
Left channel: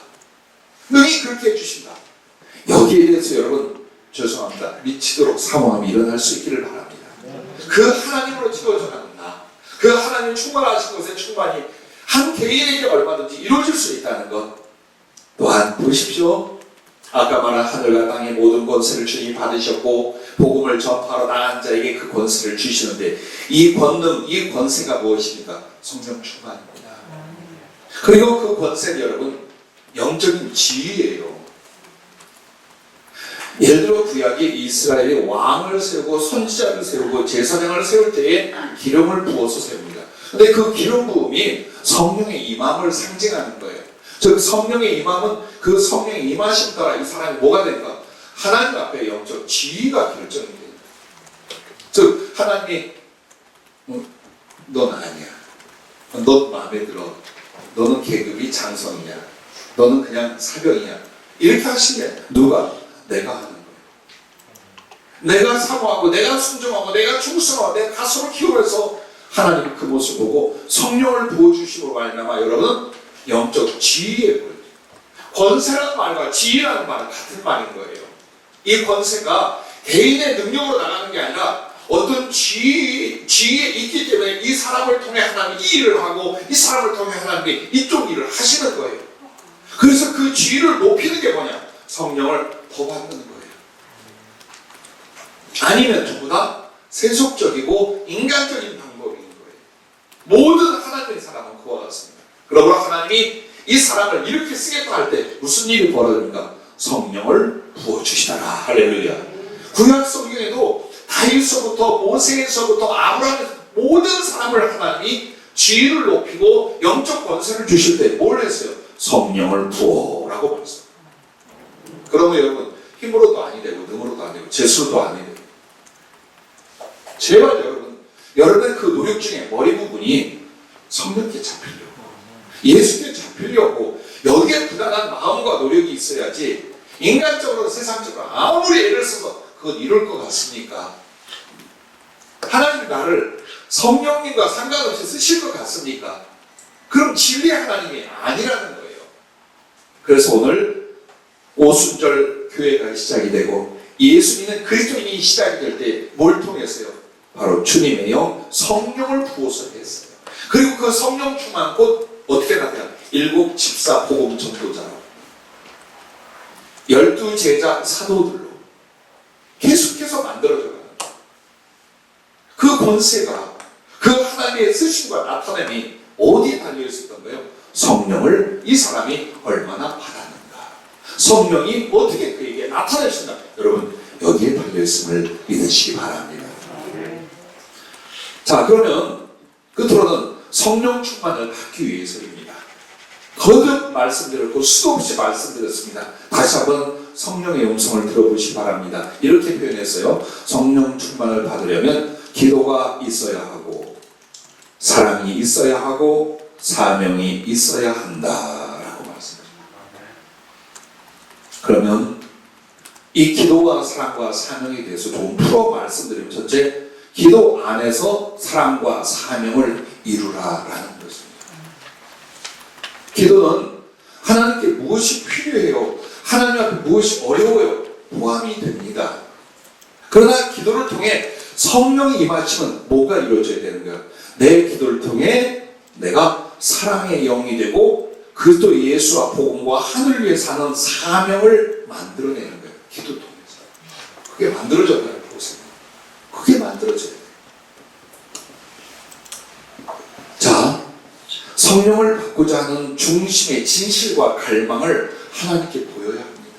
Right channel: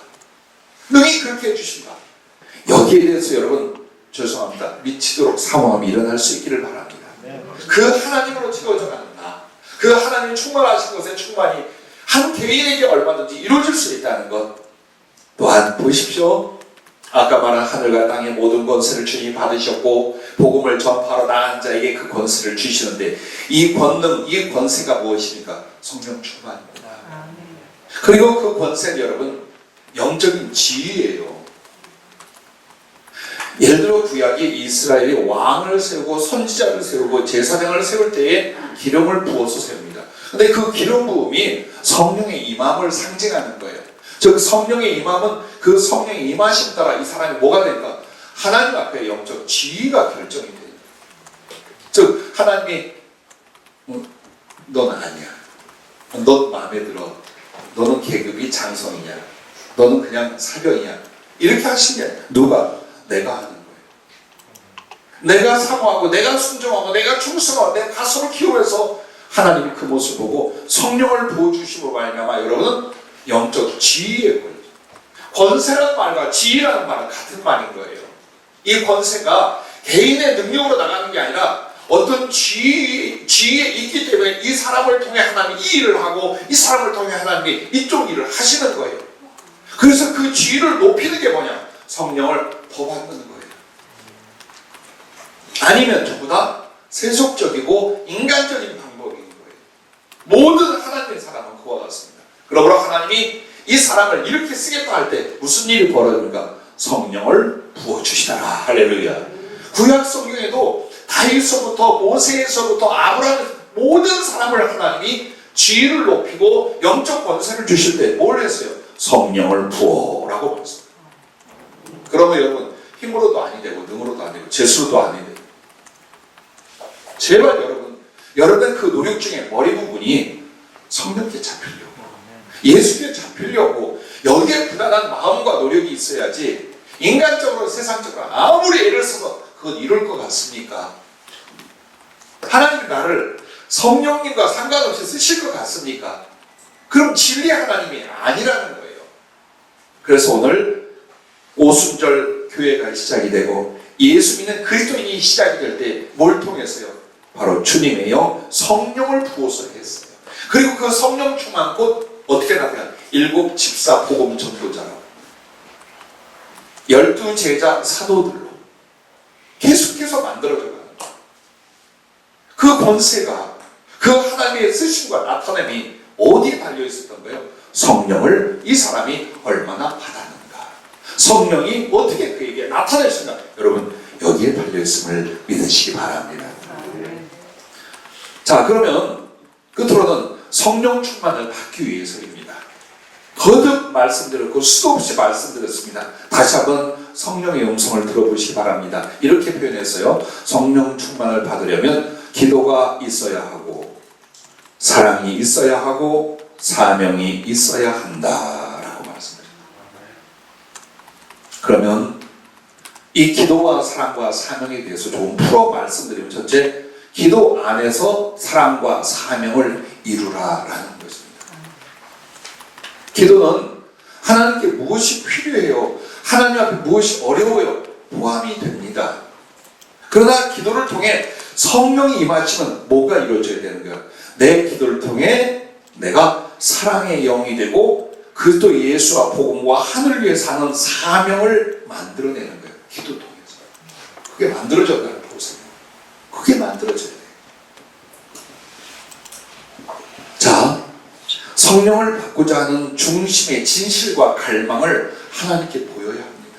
능히 그렇게 해주신다, 여기에 대해서 여러분 죄송합니다, 미치도록 사모함이 일어날 수 있기를 바랍니다. 그 하나님으로 채워져 가는 나, 그 하나님 충만하신 것의 충만이 한 개인에게 얼마든지 이루어질 수 있다는 것. 또한 보십시오, 아까 말한 하늘과 땅의 모든 권세를 주님이 받으셨고 복음을 전파하러 나간 자에게 그 권세를 주시는데, 이 권능, 이 권세가 무엇입니까? 성령 충만입니다. 그리고 그 권세는 여러분 영적인 지위예요. 예를 들어 구약이 이스라엘이 왕을 세우고 선지자를 세우고 제사장을 세울 때에 기름을 부어서 세웁니다. 근데 그 기름 부음이 성령의 임함을 상징하는 거예요. 즉 성령의 임함은 그 성령의 임하심 따라 이 사람이 뭐가 될까? 하나님 앞에 영적 지위가 결정이 돼요. 즉 하나님이 넌 아니야. 넌 마음에 들어. 너는 계급이 장성이냐. 너는 그냥 사병이야. 이렇게 하신 게 아니야. 누가? 내가 하는 거예요. 내가 사모하고 내가 순종하고 내가 충성하고 내가 가슴을 키우면서 하나님이 그 모습을 보고 성령을 부어주심으로 말미암아 여러분은 영적 지위에 보여요. 권세라는 말과 지위라는 말은 같은 말인 거예요. 이 권세가 개인의 능력으로 나가는 게 아니라 어떤 지위에 있기 때문에 이 사람을 통해 하나님이 이 일을 하고 이 사람을 통해 하나님이 이쪽 일을 하시는 거예요. 그래서 그 지위를 높이는 게 뭐냐? 성령을 더 받는 거예요. 아니면 전부 다 세속적이고 인간적인 방법인 거예요. 모든 하나님의 사람은 그와 같습니다. 그러므로 하나님이 이 사람을 이렇게 쓰겠다 할 때 무슨 일이 벌어집니까? 성령을 부어주시더라. 할렐루야. 구약 성경에도 다윗서부터 모세에서부터 아브라함 모든 사람을 하나님이 지위를 높이고 영적 권세를 주실 때 뭘 했어요? 성령을 부어라고 말했어요. 그러면 여러분 힘으로도 아니 되고 능으로도 아니 되고 재수로도 아니 되고 제발 여러분의 그 노력 중에 머리 부분이 성령께 잡히려고 예수께 잡히려고 여기에 부단한 마음과 노력이 있어야지 인간적으로 세상적으로 아무리 애를 써서 그건 이룰 것 같습니까? 하나님이 나를 성령님과 상관없이 쓰실 것 같습니까? 그럼 진리 하나님이 아니라는 거예요. 그래서 오늘 오순절 교회가 시작이 되고 예수 믿는 그리스도인이 시작이 될 때 뭘 통해서요? 바로 주님의 영 성령을 부어서 했어요. 그리고 그 성령 충만 곧 어떻게 나타나? 7 집사 복음 전도자로 12 제자 사도들로 계속해서 만들어져 가는 거예요. 그 권세가 그 하나님의 쓰심과 나타남이 어디에 달려 있었던 거예요? 성령을 이 사람이 얼마나 받았는가. 성령이 어떻게 그에게 나타내신다. 여러분 여기에 달려 있음을 믿으시기 바랍니다. 자, 그러면 끝으로는 성령 충만을 받기 위해서입니다. 거듭 말씀드렸고 수도 없이 말씀드렸습니다. 다시 한번 성령의 음성을 들어보시기 바랍니다. 이렇게 표현했어요. 성령 충만을 받으려면 기도가 있어야 하고 사랑이 있어야 하고 사명이 있어야 한다라고 말씀드립니다. 그러면 이 기도와 사랑과 사명에 대해서 좀 풀어 말씀드리면 첫째, 기도 안에서 사랑과 사명을 이루라라는 것입니다. 기도는 하나님께 무엇이 필요해요? 하나님 앞에 무엇이 어려워요? 포함이 됩니다. 그러나 기도를 통해 성령이 임하시면 뭐가 이루어져야 되는 거예요? 내 기도를 통해 내가 사랑의 영이 되고 그리스도 예수와 복음과 하늘을 위해 사는 사명을 만들어내는 거예요. 기도 통해서. 그게 만들어져야 보세요. 그게 만들어져야 돼요. 자, 성령을 받고자 하는 중심의 진실과 갈망을 하나님께 보여야 합니다.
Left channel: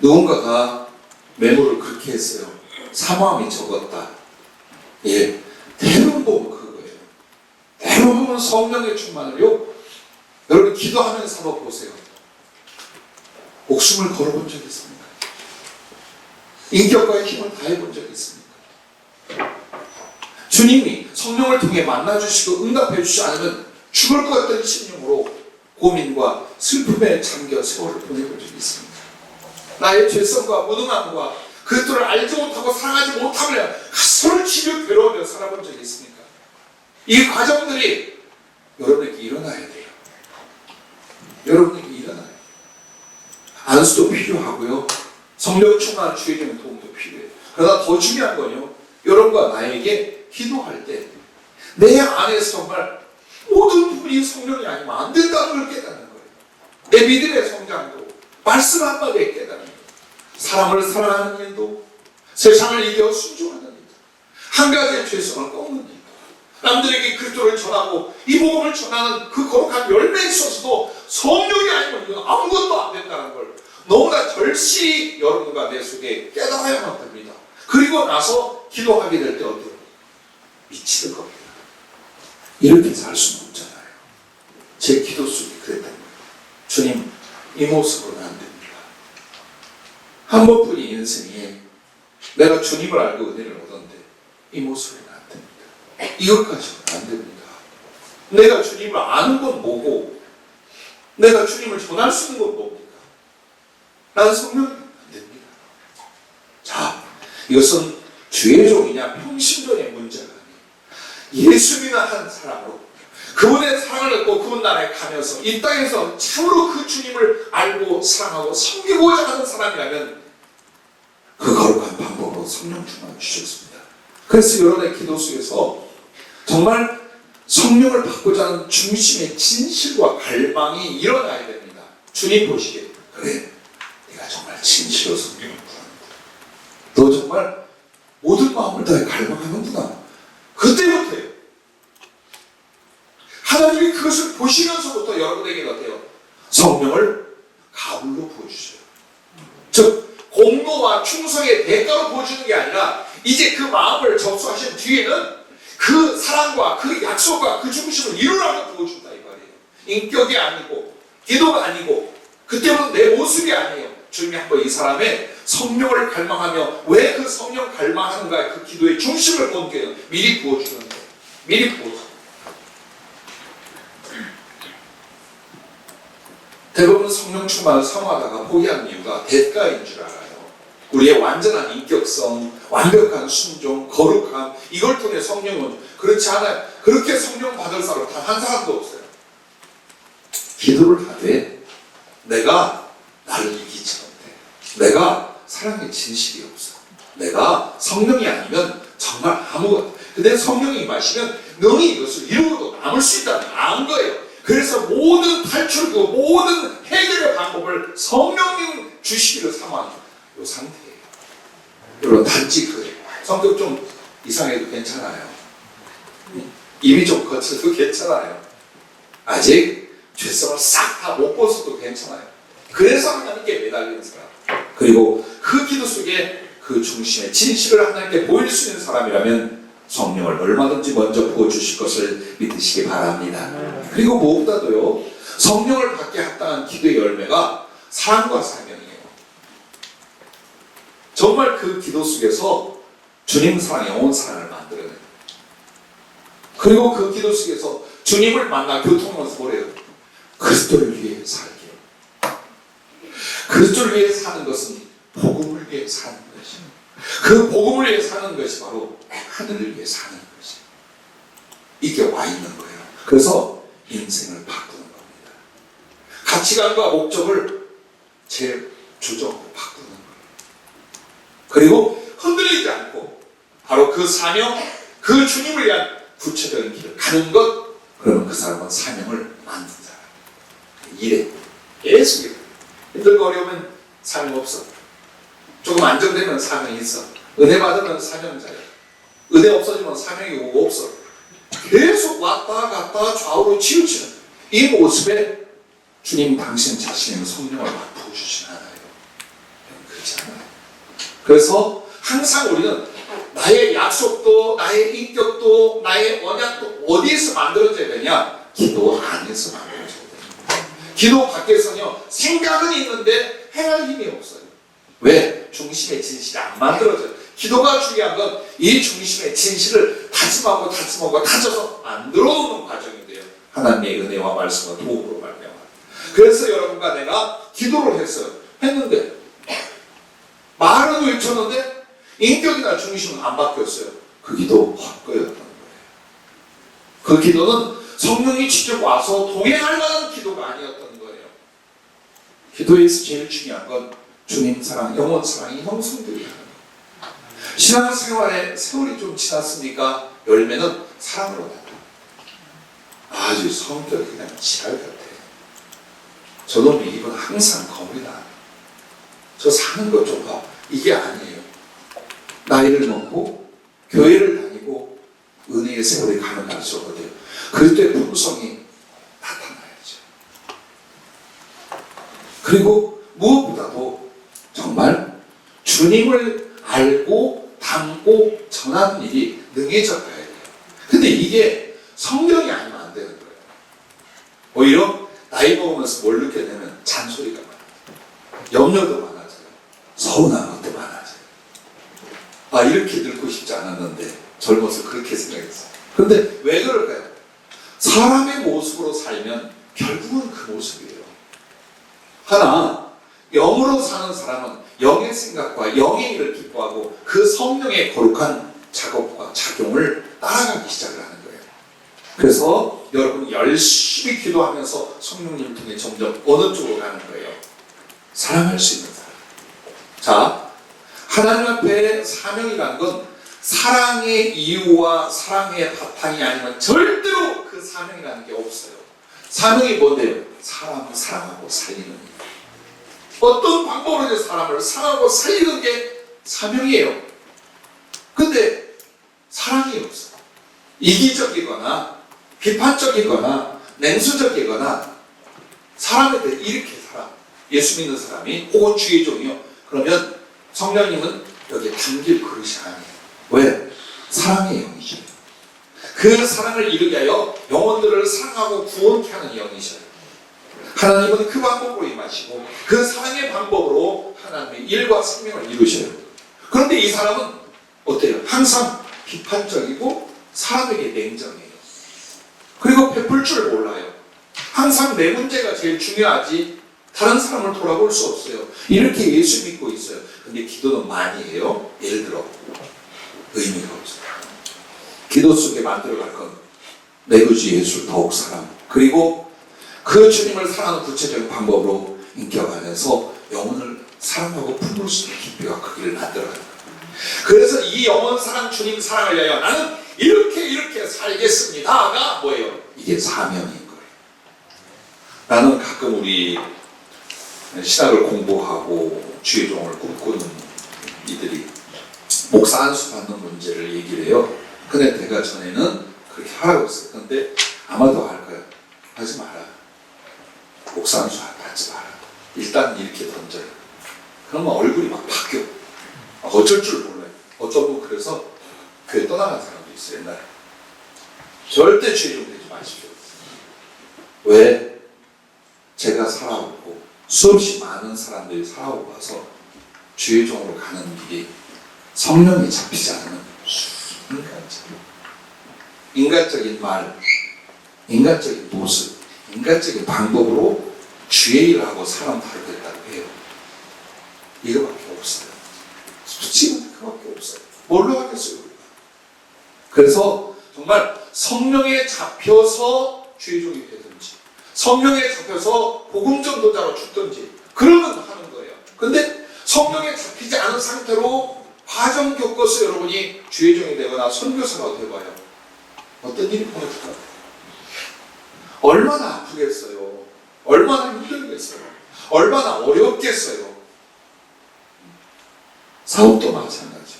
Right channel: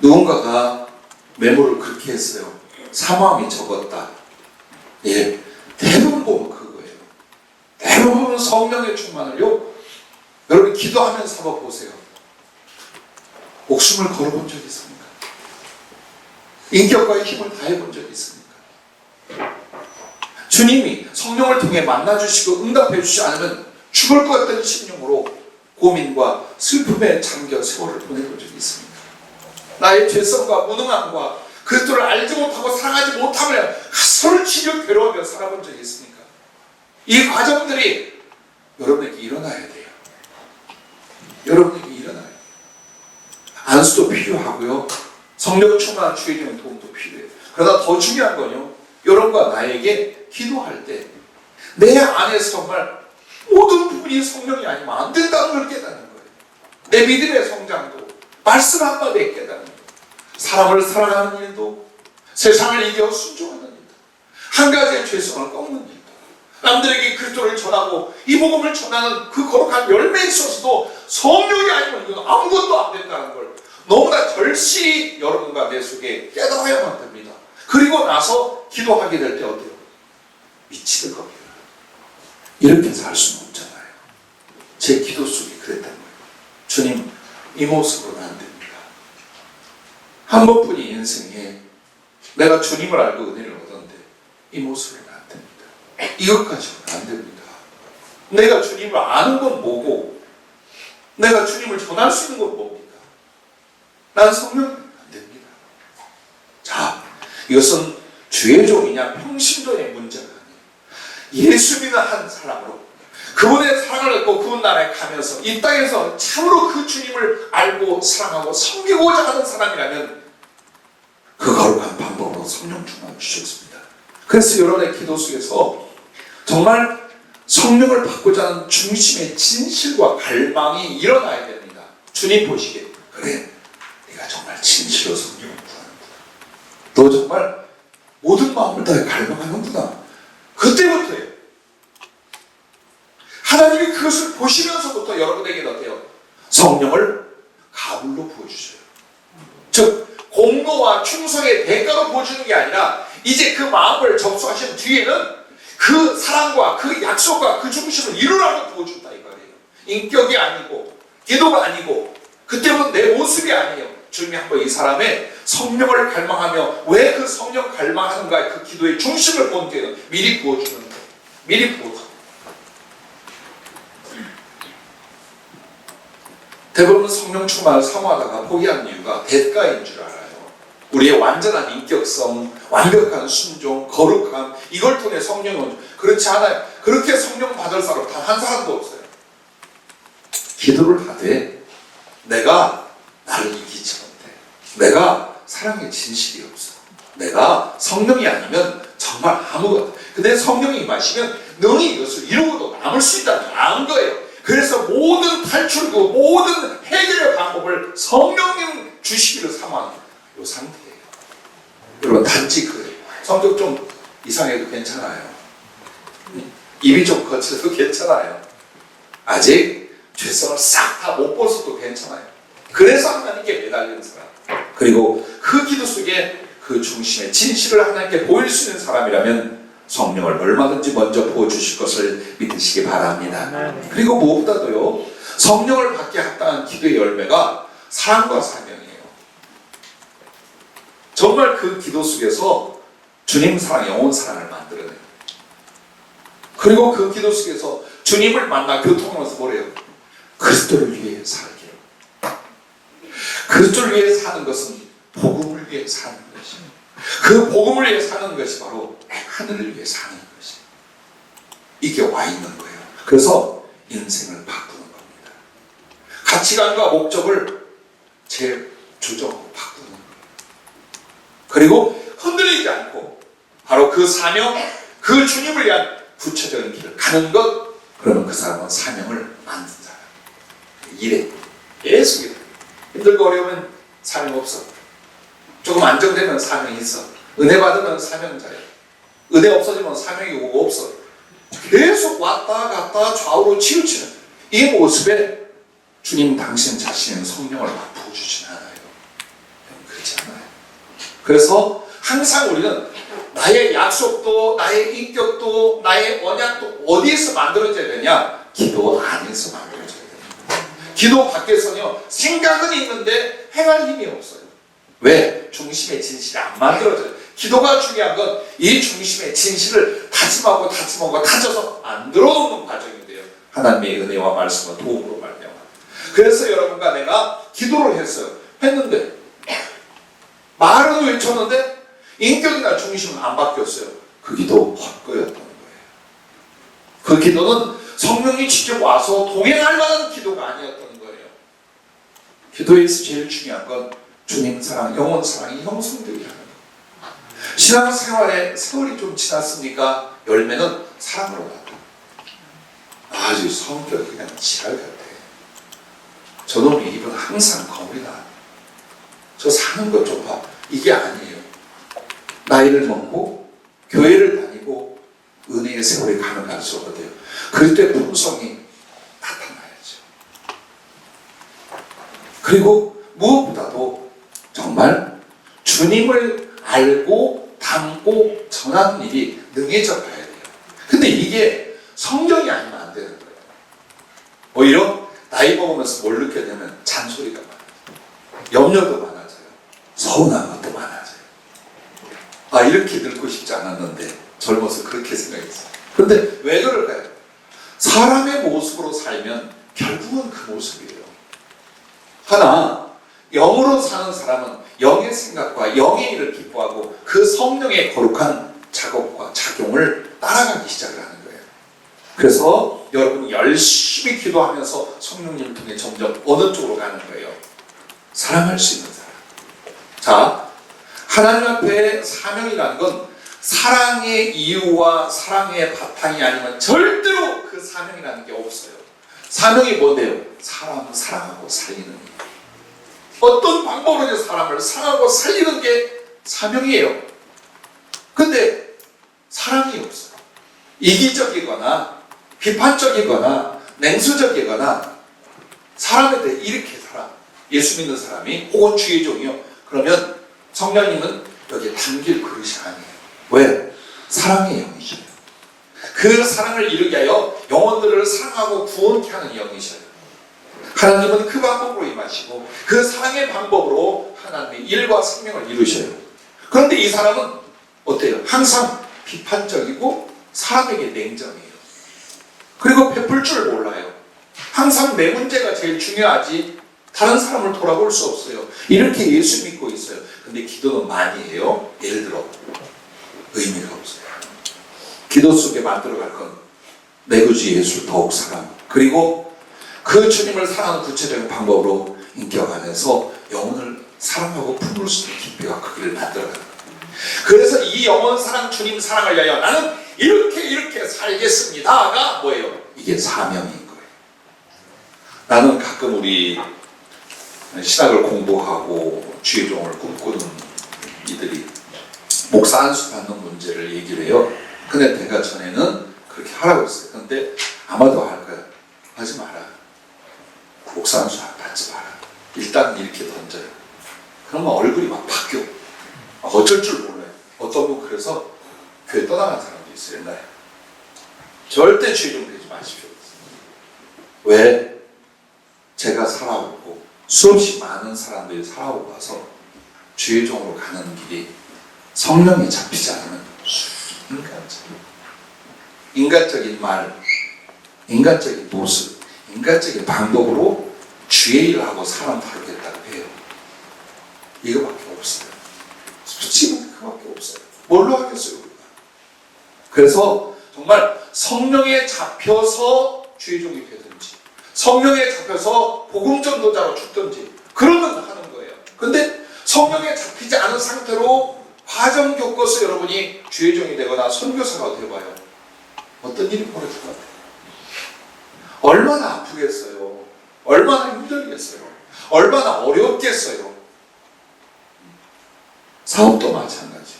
누군가가 메모를 그렇게 했어요. 사망이 적었다. 예, 대부분 보면 그거예요. 대부분 성령의 충만을요. 여러분 기도하면서 한번 보세요. 목숨을 걸어본 적이 있습니까? 인격과의 힘을 다해본 적이 있습니까? 주님이 성령을 통해 만나주시고 응답해주시지 않으면 죽을 것 같은 심령으로 고민과 슬픔에 잠겨 세월을 보내본 적이 있습니다. 나의 죄성과 무능함과 그리스도를 알지 못하고 사랑하지 못하며 가소를 치며 괴로워하며 살아본 적이 있습니까? 이 과정들이 여러분에게 일어나야 돼요. 여러분에게 일어나요. 안수도 필요하고요. 성령 충만한 주의적인 도움도 필요해요. 그러나 더 중요한 건요. 여러분과 나에게 기도할 때 내 안에서 정말 모든 부분이 성령이 아니면 안 된다는 걸 깨닫는 거예요. 내 믿음의 성장도 말씀 한마디에 깨닫는 거예요. 사람을 사랑하는 일도 세상을 이겨 순종하는 일도 한 가지의 죄성을 꺾는 일도 남들에게 그리스도를 전하고 이 복음을 전하는 그 거룩한 열매에 있어서도 성령이 아니면 이건 아무것도 안 된다는 걸 너무나 절실히 여러분과 내 속에 깨달아야만 됩니다. 그리고 나서 기도하게 될 때 어때요? 미치는 겁니다. 이렇게 살 수는 없잖아요. 제 기도 속에 그랬단 말이에요. 주님, 이 모습으로는 안 됩니다. 한 번뿐인 인생에 내가 주님을 알고 은혜를 얻었는데 이 모습으로는 안 됩니다. 이것까지는 안 됩니다. 내가 주님을 아는 건 뭐고 내가 주님을 전할 수 있는 건 뭡니까? 난 성령이 안 됩니다. 자, 이것은 주의 종이냐 평신도의 문제가 아니에요. 예수 믿는 한 사람으로 그분의 사랑을 얻고 그분 나라에 가면서 이 땅에서 참으로 그 주님을 알고 사랑하고 섬기고자 하는 사람이라면 그 거룩한 방법으로 성령 충만을 주셨습니다. 그래서 여러분의 기도 속에서 정말 성령을 받고자 하는 중심의 진실과 갈망이 일어나야 됩니다. 주님 보시기에 그래, 네가 정말 진실로 성령을 구하는구나. 너 정말 모든 마음을 다해 갈망하는구나. 그때부터예요. 하나님이 그것을 보시면서부터 여러분에게 어때요? 성령을 가불로 부어주셔요. 즉 공로와 충성의 대가로 부어주는 게 아니라 이제 그 마음을 접수하신 뒤에는 그 사랑과 그 약속과 그 중심을 이루라고 부어준다 이 말이에요. 인격이 아니고 기도가 아니고 그때부터 내 모습이 아니에요. 주님이 한번 이 사람의 성령을 갈망하며 왜 그 성령 갈망하는가 그 기도의 중심을 본게요. 미리 부어주는 거예요. 미리 부어줘. 대부분 성령 충만을 사모하다가 포기한 이유가 대가인 줄 알아요. 우리의 완전한 인격성, 완벽한 순종, 거룩함 이걸 통해 성령은 그렇지 않아요. 그렇게 성령 받을 사람 단 한 사람도 없어요. 기도를 하되 내가 나를 이기지 못해. 내가 사랑의 진실이 없어. 내가 성령이 아니면 정말 아무것도. 근데 성령이 마시면 능히 이것을 이루고도 남을 수 있다는 안 거예요. 그래서 모든 탈출구, 모든 해결의 방법을 성령님 주시기를 사모하는 이 상태예요. 여러분 단지 그래요. 성격 좀 이상해도 괜찮아요. 입이 좀 거쳐도 괜찮아요. 아직 죄성을 싹 다 못 벗어도 괜찮아요. 그래서 하나님께 매달리는 사람. 그리고 그 기도 속에 그 중심의 진실을 하나님께 보일 수 있는 사람이라면 성령을 얼마든지 먼저 부어주실 것을 믿으시기 바랍니다. 그리고 무엇보다도요, 성령을 받게 합당한 기도의 열매가 사랑과 사명이에요. 정말 그 기도 속에서 주님 사랑, 영혼 사랑을 만들어내요. 그리고 그 기도 속에서 주님을 만나 교통하면서 뭐래요? 그리스도를 위해 살게요. 그리스도를 위해 사는 것은 복음을 위해 사는 것이에요. 그 복음을 위해 사는 것이 바로 하늘을 위해 사는 것이에요. 이게 와 있는 거예요. 그래서 인생을 바꾸는 겁니다. 가치관과 목적을 재조정하고 바꾸는 거예요. 그리고 흔들리지 않고 바로 그 사명, 그 주님을 위한 구체적인 길을 가는 것, 그러면 그 사람은 사명을 만든 사람. 일에 계속 일해. 힘들고 어려우면 사명 없어. 조금 안정되면 사명이 있어. 은혜 받으면 사명자야. 은혜 없어지면 사명이 오고 없어. 계속 왔다 갔다 좌우로 치우치는 이 모습에 주님 당신 자신의 성령을 막 부어주진 않아요. 그렇지 않아요. 그래서 항상 우리는 나의 약속도 나의 인격도 나의 언약도 어디에서 만들어져야 되냐? 기도 안에서 만들어져야 됩니다. 기도 밖에서는요, 생각은 있는데 행할 힘이 없어요. 왜? 중심의 진실이 안 만들어져요. 기도가 중요한 건 이 중심의 진실을 다짐하고 다져서 만들어 놓는 과정인데요. 하나님의 은혜와 말씀과 도움으로 말미암아. 그래서 여러분과 내가 기도를 했는데 말은 외쳤는데 인격이나 중심은 안 바뀌었어요. 그 기도 헛거였던 거예요. 그 기도는 성령이 직접 와서 동행할 만한 기도가 아니었던 거예요. 기도에서 제일 중요한 건 주님 사랑, 영혼 사랑이 형성되게 하는 거예요. 신앙생활에 세월이 좀 지났으니까 열매는 사랑으로 나타나요. 아주 성격이 그냥 지랄 같아요. 저놈의 입은 항상 겁니다. 저 사는 것 좀 봐. 이게 아니에요. 나이를 먹고 교회를 다니고 은혜의 세월이 가는 날수가 돼요. 그때 품성이 나타나야죠. 그리고 무엇보다도 정말 주님을 알고 담고 전하는 일이 능해져 가야 돼요. 근데 이게 성경이 아니면 안 되는 거예요. 오히려 나이 먹으면서 뭘 느꼈냐면 잔소리가 많아져요. 염려도 많아져요. 서운한 것도 많아져요. 아, 이렇게 늙고 싶지 않았는데 젊어서 그렇게 생각했어요. 그런데 왜 그럴까요? 사람의 모습으로 살면 결국은 그 모습이에요. 하나, 영으로 사는 사람은 영의 생각과 영의 일을 기뻐하고 그 성령의 거룩한 작업과 작용을 따라가기 시작을 하는 거예요. 그래서 여러분 열심히 기도하면서 성령님을 통해 점점 어느 쪽으로 가는 거예요? 사랑할 수 있는 사람. 자, 하나님 앞에 사명이라는 건 사랑의 이유와 사랑의 바탕이 아니면 절대로 그 사명이라는 게 없어요. 사명이 뭔데요? 사람을 사랑하고 살리는 일. 어떤 방법으로 사람을 사랑하고 살리는 게 사명이에요. 근데 사랑이 없어요. 이기적이거나 비판적이거나 냉수적이거나 사람에 대해 이렇게 살아. 예수 믿는 사람이 혹은 주의 종이요. 그러면 성령님은 여기에 담길 그릇이 아니에요. 왜? 사랑의 영이셔요. 그 사랑을 이루게 하여 영혼들을 사랑하고 구원케 하는 영이셔요. 하나님은 그 방법으로 임하시고 그 사랑의 방법으로 하나님의 일과 생명을 이루셔요. 그런데 이 사람은 어때요? 항상 비판적이고 사람에게 냉정해요. 그리고 베풀 줄 몰라요. 항상 내 문제가 제일 중요하지 다른 사람을 돌아볼 수 없어요. 이렇게 예수 믿고 있어요. 근데 기도는 많이 해요. 예를 들어 의미가 없어요. 기도 속에 만들어갈 건 내 구주 예수 더욱 사랑, 그리고 그 주님을 사랑하는 구체적인 방법으로 인격 안에서 영혼을 사랑하고 품을 수 있는 깊이와 크기를 만들어가는 거예요. 그래서 이 영혼 사랑, 주님 사랑을 위하여 나는 이렇게 살겠습니다가 뭐예요? 이게 사명인 거예요. 나는 가끔 우리 신학을 공부하고 주의 종을 꿈꾸는 이들이 목사 안수 받는 문제를 얘기를 해요. 근데 내가 전에는 그렇게 하라고 했어요. 근데 아마도 할 거야. 하지 마라. 목사 안수 받지 마라. 일단 이렇게 던져요. 그러면 얼굴이 막 바뀌어. 어쩔 줄 몰라요. 어떤 분 그래서 교회 떠나간 사람도 있어요. 옛날에. 절대 주의 종 되지 마십시오. 왜? 제가 살아오고 수없이 많은 사람들이 살아오고 와서 주의 종으로 가는 길이 성령이 잡히지 않으면 인간적인 말, 인간적인 모습, 인간적인 방법으로 주의 일을 하고 사람 다루겠다고 해요. 이거밖에 없어요. 솔직히 그거밖에 없어요. 뭘로 하겠어요? 우리가? 그래서 정말 성령에 잡혀서 주의 종이 되든지 성령에 잡혀서 복음 전도자로 죽든지 그러면 하는 거예요. 근데 성령에 잡히지 않은 상태로 과정 겪어서 여러분이 주의 종이 되거나 선교사가 되어봐요. 어떤 일이 벌어질 것 같아요? 얼마나 아프겠어요? 얼마나 힘들겠어요? 얼마나 어렵겠어요? 사업도 마찬가지.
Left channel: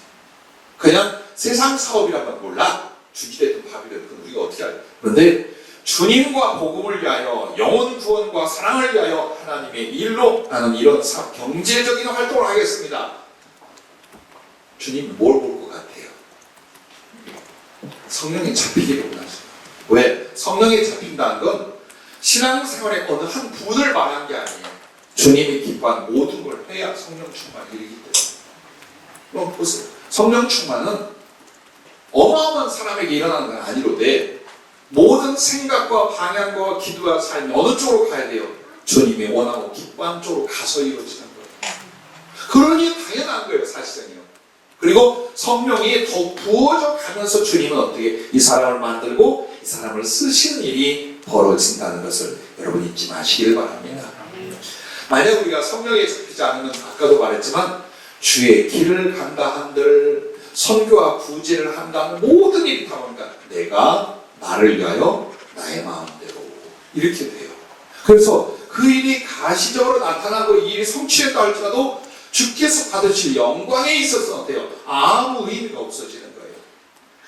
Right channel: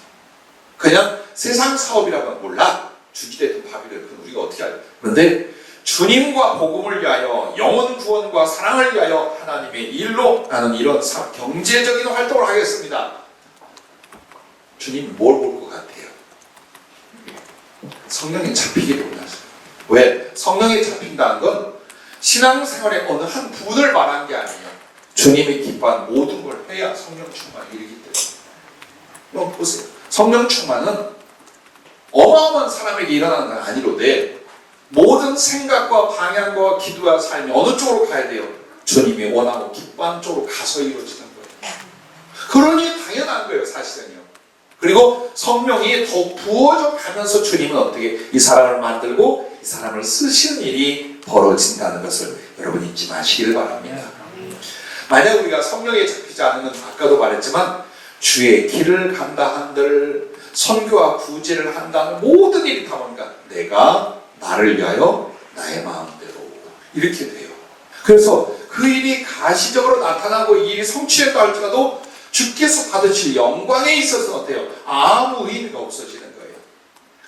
그냥 세상 사업이라면 몰라. 주지됐든 밥이랬든 우리가 어떻게 알아요? 그런데 주님과 복음을 위하여 영혼 구원과 사랑을 위하여 하나님의 일로 나는 이런 경제적인 활동을 하겠습니다. 주님 뭘 볼 것 같아요? 성령에 잡히기를 원하세요. 왜? 성령에 잡힌다는 건 신앙생활의 어느 한 부분을 말한 게 아니에요. 주님이 기뻐한 모든 걸 해야 성령 충만이 이르기 때문에. 그럼 보세요. 성령 충만은 어마어마한 사람에게 일어나는 건 아니로되 모든 생각과 방향과 기도와 삶이 어느 쪽으로 가야 돼요? 주님이 원하고 기뻐한 쪽으로 가서 이루어지는 거예요. 그러니 당연한 거예요, 사실은요. 그리고 성령이 더 부어져 가면서 주님은 어떻게 이 사람을 만들고 이 사람을 쓰시는 일이 벌어진다는 것을 여러분 잊지 마시길 바랍니다. 만약 우리가 성령에 잡히지 않으면 아까도 말했지만 주의 길을 간다 한들 선교와 구제를 한다는 모든 일이 다 뭔가 내가 나를 위하여 나의 마음대로 이렇게 돼요. 그래서 그 일이 가시적으로 나타나고 이 일이 성취했다 할지라도 주께서 받으실 영광에 있어서 어때요? 아무 의미가 없어지는 거예요.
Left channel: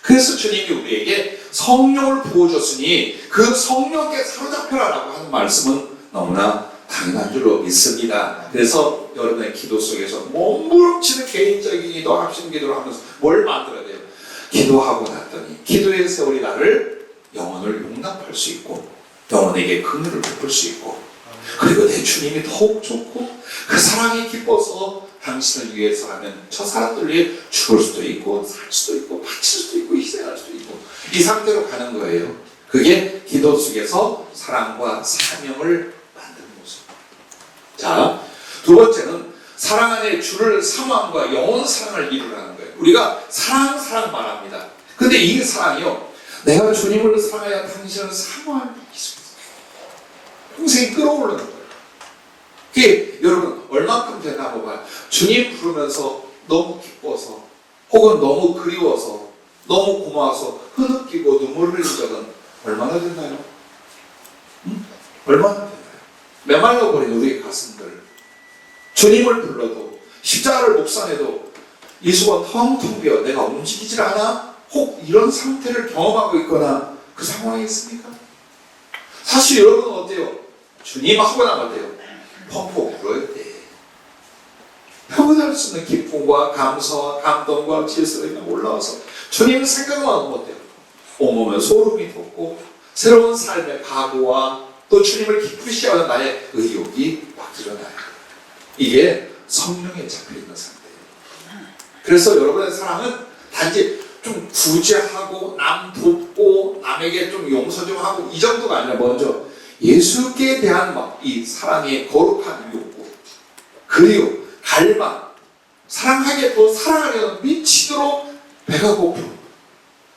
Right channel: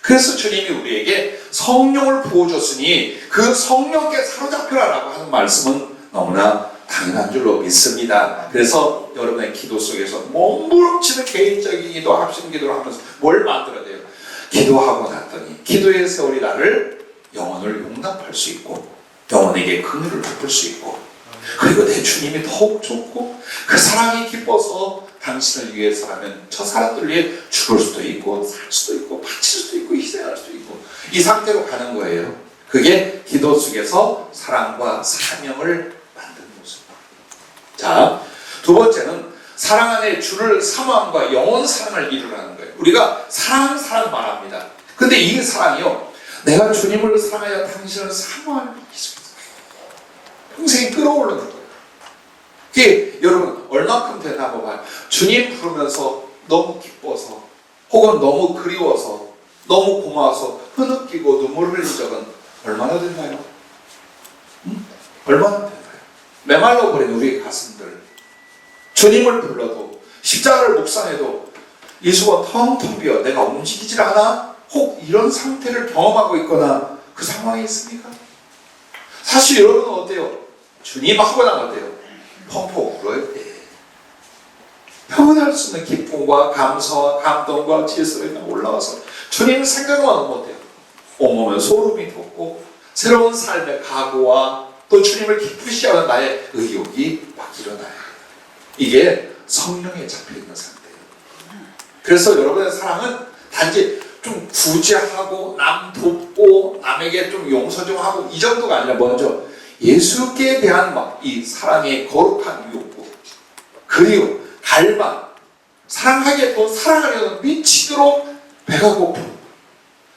그래서 주님이 우리에게 성령을 부어줬으니 그 성령께 사로잡혀라라고 하는 말씀은 너무나 당연합니다. 가능한 줄로 믿습니다. 그래서 여러분의 기도 속에서 몸부림치는 개인적인 기도, 합심 기도를 하면서 뭘 만들어야 돼요? 기도하고 났더니 기도의 세월이 나를 영혼을 용납할 수 있고 영혼에게 긍휼을 베풀 수 있고 그리고 내 주님이 더욱 좋고 그 사랑이 기뻐서 당신을 위해서라면 저 사람들 위해 죽을 수도 있고 살 수도 있고 바칠 수도 있고 희생할 수도 있고 이 상태로 가는 거예요. 그게 기도 속에서 사랑과 사명을 만드는 모습. 자, 두 번째는 사랑 안에 주를 사모함과 영원 사랑을 이루라는 거예요. 우리가 사랑 말합니다. 근데 이 사랑이요, 내가 주님을 사랑하여 당신을 사모하는 기술. 평생 끌어오르는 거예요. 이게 여러분 얼마큼 되나 한번 봐요. 주님 부르면서 너무 기뻐서 혹은 너무 그리워서 너무 고마워서 흐느끼고 눈물을 흘린 적은 얼마나 됐나요? 얼마나 됐나요? 메말라 버린 우리의 가슴들, 주님을 불러도 십자가를 묵상해도 예수가 텅텅 비어 내가 움직이질 않아? 혹 이런 상태를 경험하고 있거나 그 상황이 있습니까? 사실 여러분은 어때요? 주님 하고 나면 어때요? 펑펑 울어야 돼. 표현할 수 있는 기쁨과 감사와 감동과 질서가 올라와서 주님 생각만 하면 어때요? 온몸에 소름이 돋고 새로운 삶의 각오와 또 주님을 기쁘시 하는 나의 의욕이 막 일어나요. 이게 성령에 잡혀있는 상태예요. 그래서 여러분의 사랑은 단지 좀 구제하고 남 돕고 남에게 좀 용서 좀 하고 이 정도가 아니라 먼저 예수께 대한 이 사랑의 거룩한 욕구 그리고 갈망 사랑하게 더 사랑하려는 미치도록 배가 고픈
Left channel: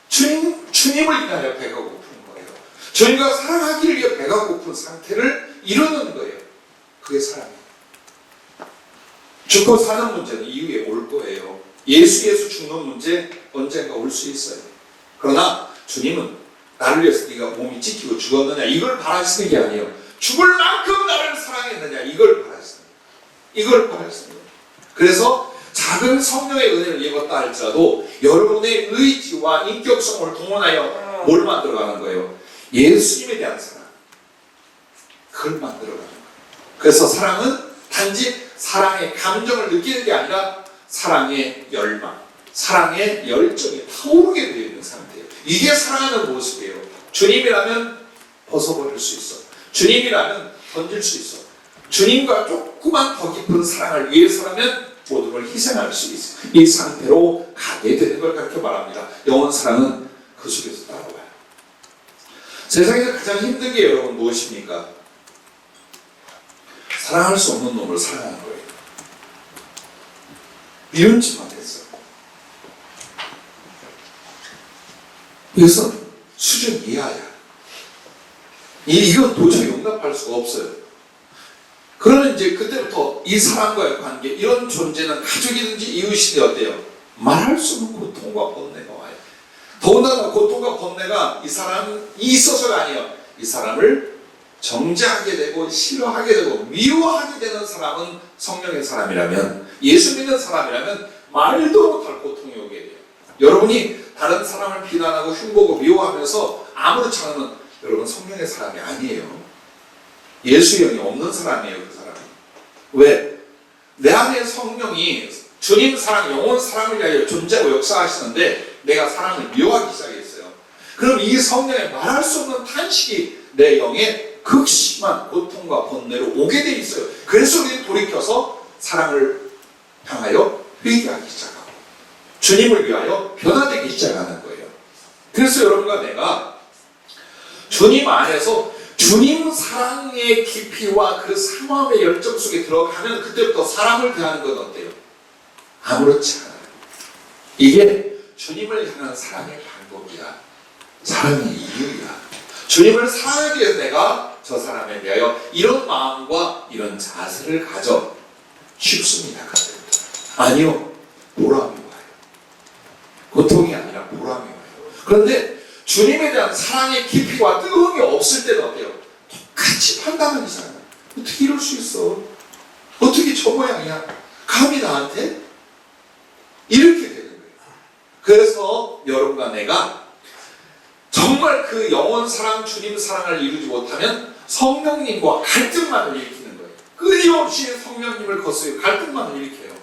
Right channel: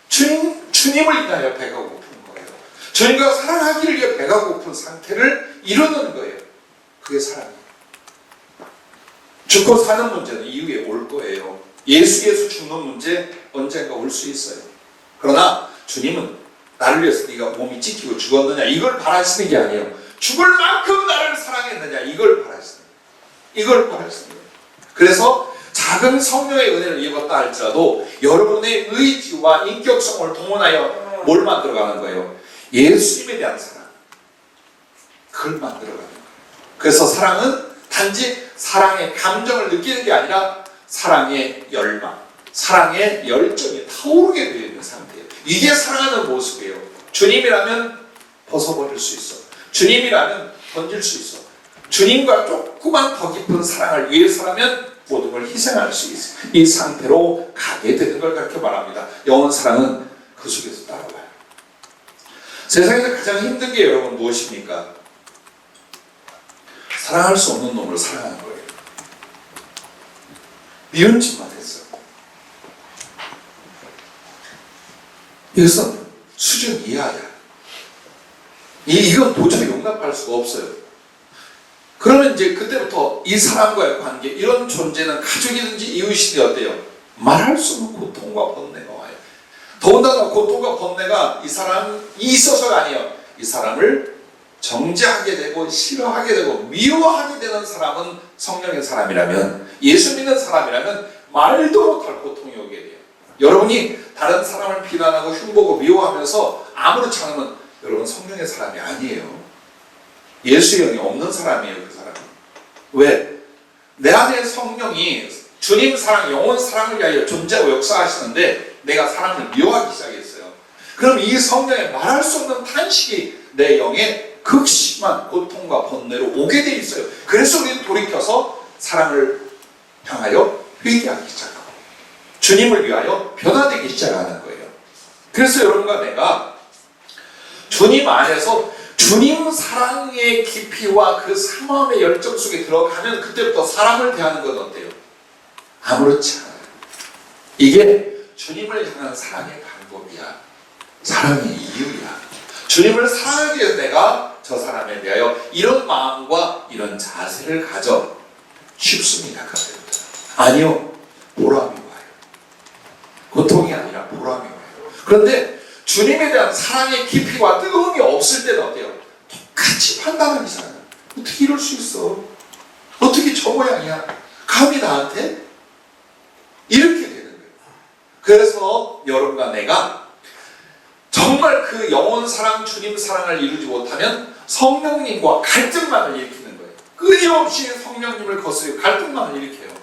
주님을 인하여 배가 고픈 거예요. 주님과 사랑하기를 위해 배가 고픈 상태를 이루는 거예요. 그게 사랑이에요. 죽고 사는 문제는 이후에 올 거예요. 예수 죽는 문제 언젠가 올 수 있어요. 그러나 주님은 나를 위해서 네가 몸이 찢기고 죽었느냐 이걸 바라시는 게 아니에요. 죽을 만큼 나를 사랑했느냐 이걸 바라시는 거예요. 이걸 바라시는 거예요. 그래서 작은 성령의 은혜를 입었다 할지라도 여러분의 의지와 인격성을 동원하여 뭘 만들어가는 거예요? 예수님에 대한 사랑. 그걸 만들어가는 거예요. 그래서 사랑은 단지 사랑의 감정을 느끼는 게 아니라 사랑의 열망, 사랑의 열정이 타오르게 되어 있는 상태예요. 이게 사랑하는 모습이에요. 주님이라면 벗어버릴 수 있어. 주님이라면 던질 수 있어. 주님과 조그만 더 깊은 사랑을 위해서라면 모든 걸 희생할 수 있어. 이 상태로 가게 되는 걸 그렇게 말합니다. 영원 사랑은 그 속에서 따라와요. 세상에서 가장 힘든 게 여러분 무엇입니까? 사랑할 수 없는 놈을 사랑하는 거예요. 미운 짓만 했어. 그래서 수준 이하야. 이건 도저히 용납할 수가 없어요. 그러면 이제 그때부터 이 사람과의 관계, 이런 존재는 가족이든지 이웃이든지 어때요? 말할 수 없는 고통과 번뇌가 와요. 더군다나 고통과 번뇌가 이 사람이 있어서가 아니에요. 이 사람을 정죄하게 되고 싫어하게 되고 미워하게 되는 사람은 성령의 사람이라면, 예수 믿는 사람이라면 말도 못할 고통이 오게 돼요. 여러분이 다른 사람을 비난하고 흉보고 미워하면서 아무렇지 않으면 여러분 성령의 사람이 아니에요. 예수의 영이 없는 사람이에요. 그 사람은. 왜? 내 안에 성령이 주님 사랑, 영원 사랑을 위하여 존재하고 역사하시는데 내가 사랑을 미워하기 시작했어요. 그럼 이 성령의 말할 수 없는 탄식이 내 영에 극심한 고통과 번뇌로 오게 돼 있어요. 그래서 우리는 돌이켜서 사랑을 향하여 회개하기 시작하고 주님을 위하여 변화되기 시작하는 거예요. 그래서 여러분과 내가 주님 안에서 주님 사랑의 깊이와 그 사모함의 열정 속에 들어가면 그때부터 사람을 대하는 건 어때요? 아무렇지 않아요. 이게 주님을 향한 사랑의 방법이야. 사랑의 이유야. 주님을 사랑하기 위해서 내가 저 사람에 대하여 이런 마음과 이런 자세를 가져 쉽습니다. 아니요. 보람이 와요. 고통이 아니라 보람이 와요. 그런데 주님에 대한 사랑의 깊이와 뜨거움이 없을 때는 어때요? 똑같이 판단하는 사람. 어떻게 이럴 수 있어? 어떻게 저 모양이야? 감히 나한테? 이렇게 되는 거예요. 그래서 여러분과 내가 정말 그 영원 사랑, 주님 사랑을 이루지 못하면 성령님과 갈등만을 일으키는 거예요. 끊임없이 성령님을 거스르고 갈등만 일으켜요.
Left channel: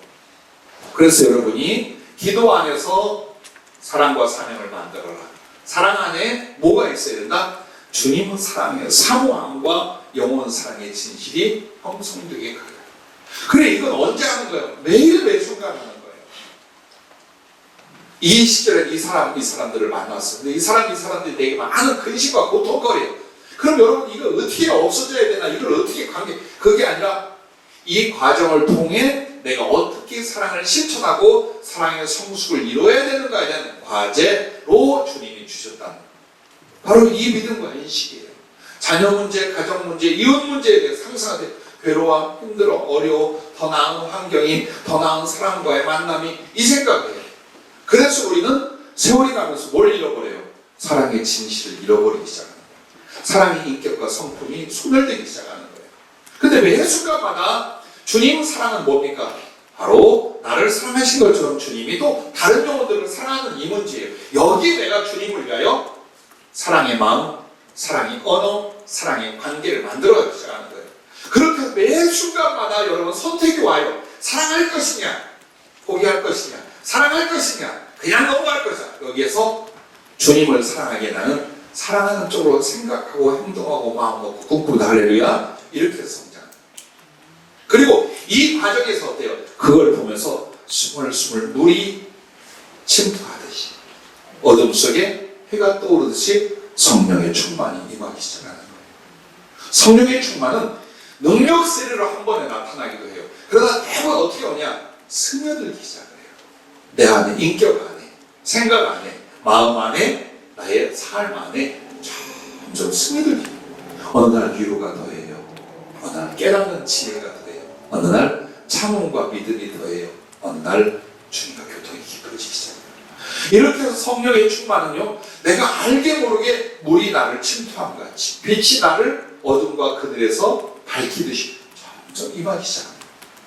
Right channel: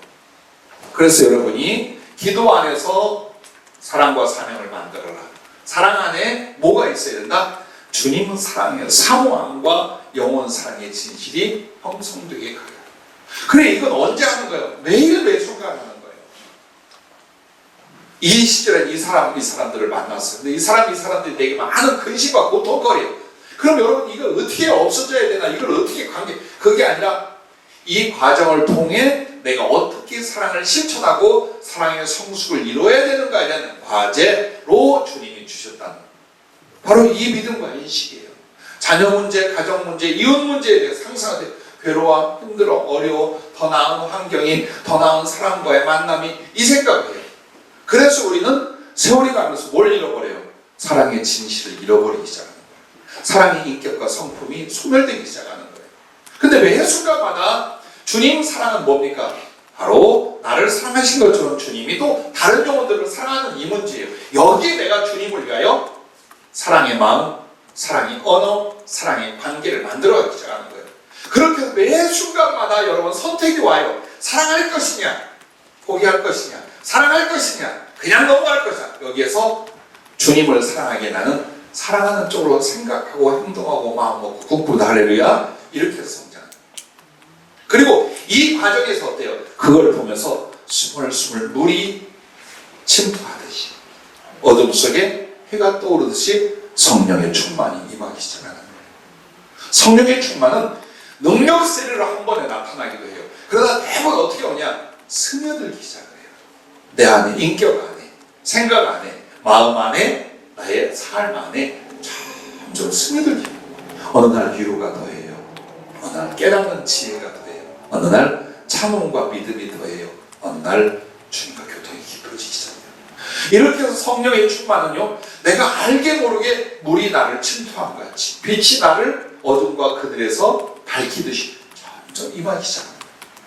그래서 여러분이 기도 안에서 사랑과 사명을 만들어라. 사랑 안에 뭐가 있어야 된다? 주님은 사랑이에요. 사모함과 영원 사랑의 진실이 형성되게 가요. 그래, 이건 언제 하는 거예요? 매일 매 순간 하는 거예요. 이 시절에 이 사람들을 만났어요. 근데 이 사람들이 되게 많은 근심과 고통거려요. 그럼 여러분, 이걸 어떻게 없어져야 되나? 이걸 어떻게 그게 아니라 이 과정을 통해 내가 어떻게 사랑을 실천하고 사랑의 성숙을 이루어야 되는가에 대한 과제로 주님이 주셨다는 거예요. 바로 이 믿음과 인식이에요. 자녀 문제, 가정 문제, 이웃 문제에 대해 상상하되 괴로워, 힘들어, 어려워, 더 나은 환경이, 더 나은 사람과의 만남이 이 생각이에요. 그래서 우리는 세월이 가면서 뭘 잃어버려요? 사랑의 진실을 잃어버리기 시작합니다. 사랑의 인격과 성품이 소멸되기 시작하는 거예요. 근데 매 순간마다 주님 사랑은 뭡니까? 바로 나를 사랑하신 것처럼 주님이 또 다른 영혼들을 사랑하는 이 문제예요. 여기에 내가 주님을 위하여 사랑의 마음, 사랑의 언어, 사랑의 관계를 만들어가기 시작하는 거예요. 그렇게 해서 매 순간마다 여러분 선택이 와요. 사랑할 것이냐, 포기할 것이냐, 사랑할 것이냐, 그냥 넘어갈 것이냐. 여기에서 주님을 사랑하게 나는 사랑하는 쪽으로 생각하고 행동하고 마음먹고 꿈꾸다 할렐루야 이렇게 해서 성장합니다. 그리고 이 과정에서 어때요? 그걸 보면서 스물스물 물이 침투하듯이 어둠 속에 해가 떠오르듯이 성령의 충만이 임하기 시작하는 거예요. 성령의 충만은 능력 세례로 한 번에 나타나기도 해요. 그러다 대부분 어떻게 오냐? 스며들기 시작해요. 내 안에, 인격 안에, 생각 안에, 마음 안에, 나의 삶 안에 점점 스며들기. 어느 날 위로가 더해요. 어느 날 깨닫는 지혜가 더해요. 어느 날 참음과 믿음이 더해요. 어느 날 주님과 교통이 깊어지기 시작해요. 이렇게 해서 성령의 충만은요, 내가 알게 모르게 물이 나를 침투한 것 같이 빛이 나를 어둠과 그늘에서 밝히듯이 점점 임하기 시작합니다.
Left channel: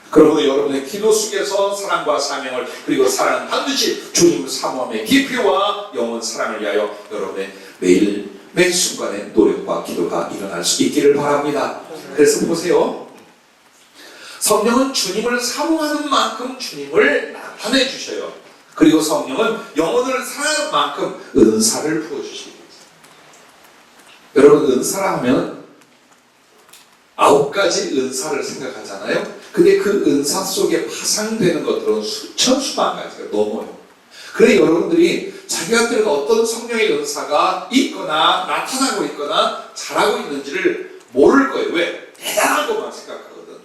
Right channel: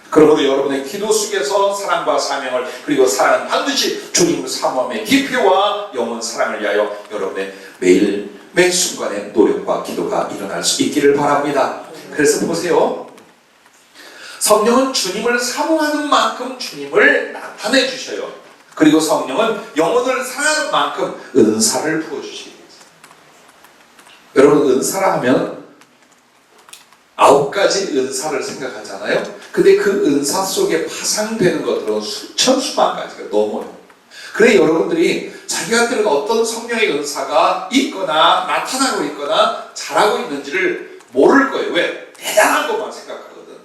그러므로 여러분의 기도 속에서 사랑과 사명을, 그리고 사랑은 반드시 주님을 사모함의 깊이와 영원 사랑을 위하여 여러분의 매일 매 순간의 노력과 기도가 일어날 수 있기를 바랍니다. 그래서 보세요. 성령은 주님을 사모하는 만큼 주님을 나타내 주셔요. 그리고 성령은 영혼을 사랑하는 만큼 은사를 부어주시겠어요. 여러분, 은사라 하면 9가지 은사를 생각하잖아요. 근데 그 은사 속에 파생되는 것들은 수천 수만 가지가 넘어요. 그래 여러분들이 자기한테는 어떤 성령의 은사가 있거나 나타나고 있거나 잘하고 있는지를 모를 거예요. 왜? 대단한 것만 생각하거든.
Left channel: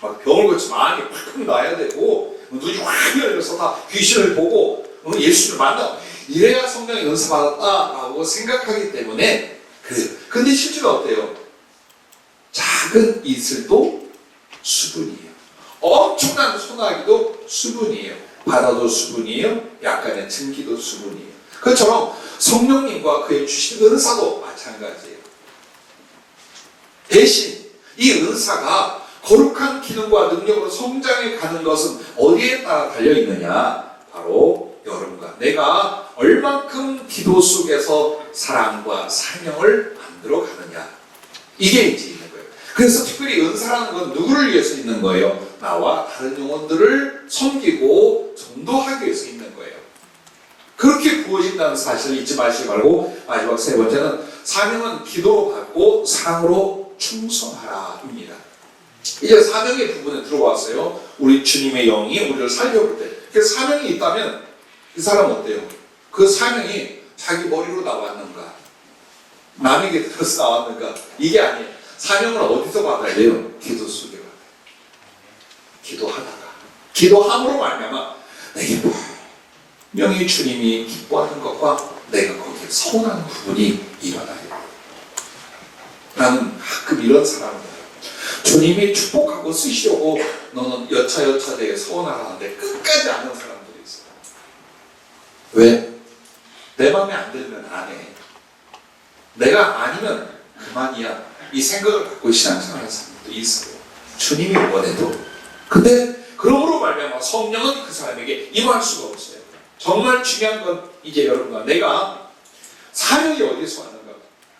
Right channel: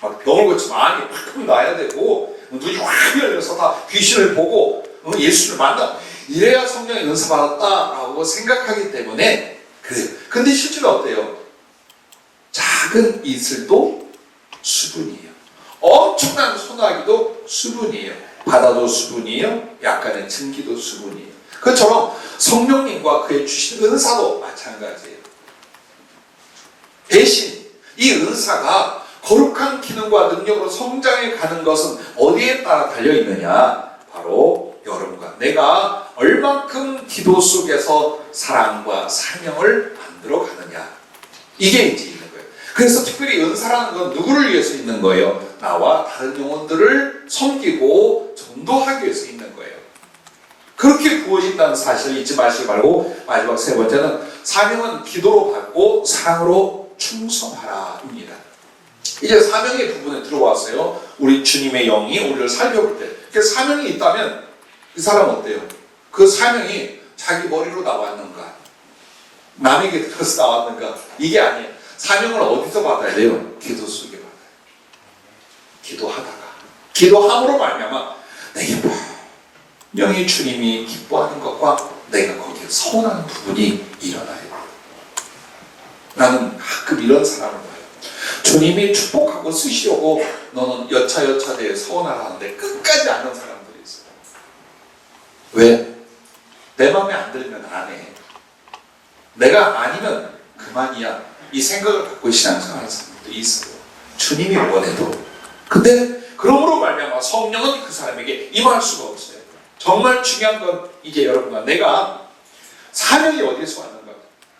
막 병을 고치 많이 팍 놔야 되고 눈이 확 열려서 다 귀신을 보고 예수를 만나 이래야 성령의 은사 받았다라고 생각하기 때문에 그래요. 근데 실제로 어때요? 작은 이슬도 수분이에요. 엄청난 소나기도 수분이에요. 바다도 수분이에요. 약간의 증기도 수분이에요. 그처럼 성령님과 그의 주신 은사도 마찬가지예요. 대신 이 은사가 거룩한 기능과 능력으로 성장해 가는 것은 어디에 따라 달려있느냐? 바로 여러분과 내가 얼만큼 기도 속에서 사랑과 사명을 만들어 가느냐. 이게 이제 있는 거예요. 그래서 특별히 은사라는 건 누구를 위해서 있는 거예요? 나와 다른 영혼들을 섬기고 전도하기 위해서 있는 거예요. 그렇게 부어진다는 사실을 잊지 마시기 바라고, 마지막 세 번째는 사명은 기도로 받고 사랑으로 충성하라입니다. 이제 사명의 부분에 들어왔어요. 우리 주님의 영이 우리를 살펴볼 때 사명이 있다면 이 사람 어때요? 그 사명이 자기 머리로 나왔는가? 남에게 들어서 나왔는가? 이게 아니에요. 사명을 어디서 받아야 돼요? 기도 속에 받아요. 기도하다가, 기도함으로 말미암아 내게 분명히 주님이 기뻐하는 것과 내가 거기에 서운하는 부분이 일어나요. 나는 가끔 이런 사람을 봐요. 주님이 축복하고 쓰시려고 너는 여차여차대에 서운하라는데 끝까지 안 하는 사람들이 있어요. 왜? 내 마음에 안 들면 안 해. 내가 아니면 그만이야. 이 생각을 갖고 신앙생활하는 사람들도 있어요. 주님이 원해도. 근데 그러므로 말미암아 성령은 그 사람에게 임할 수가 없어요. 정말 중요한 건 이제 여러분과 내가 사명이 어디서 왔는가?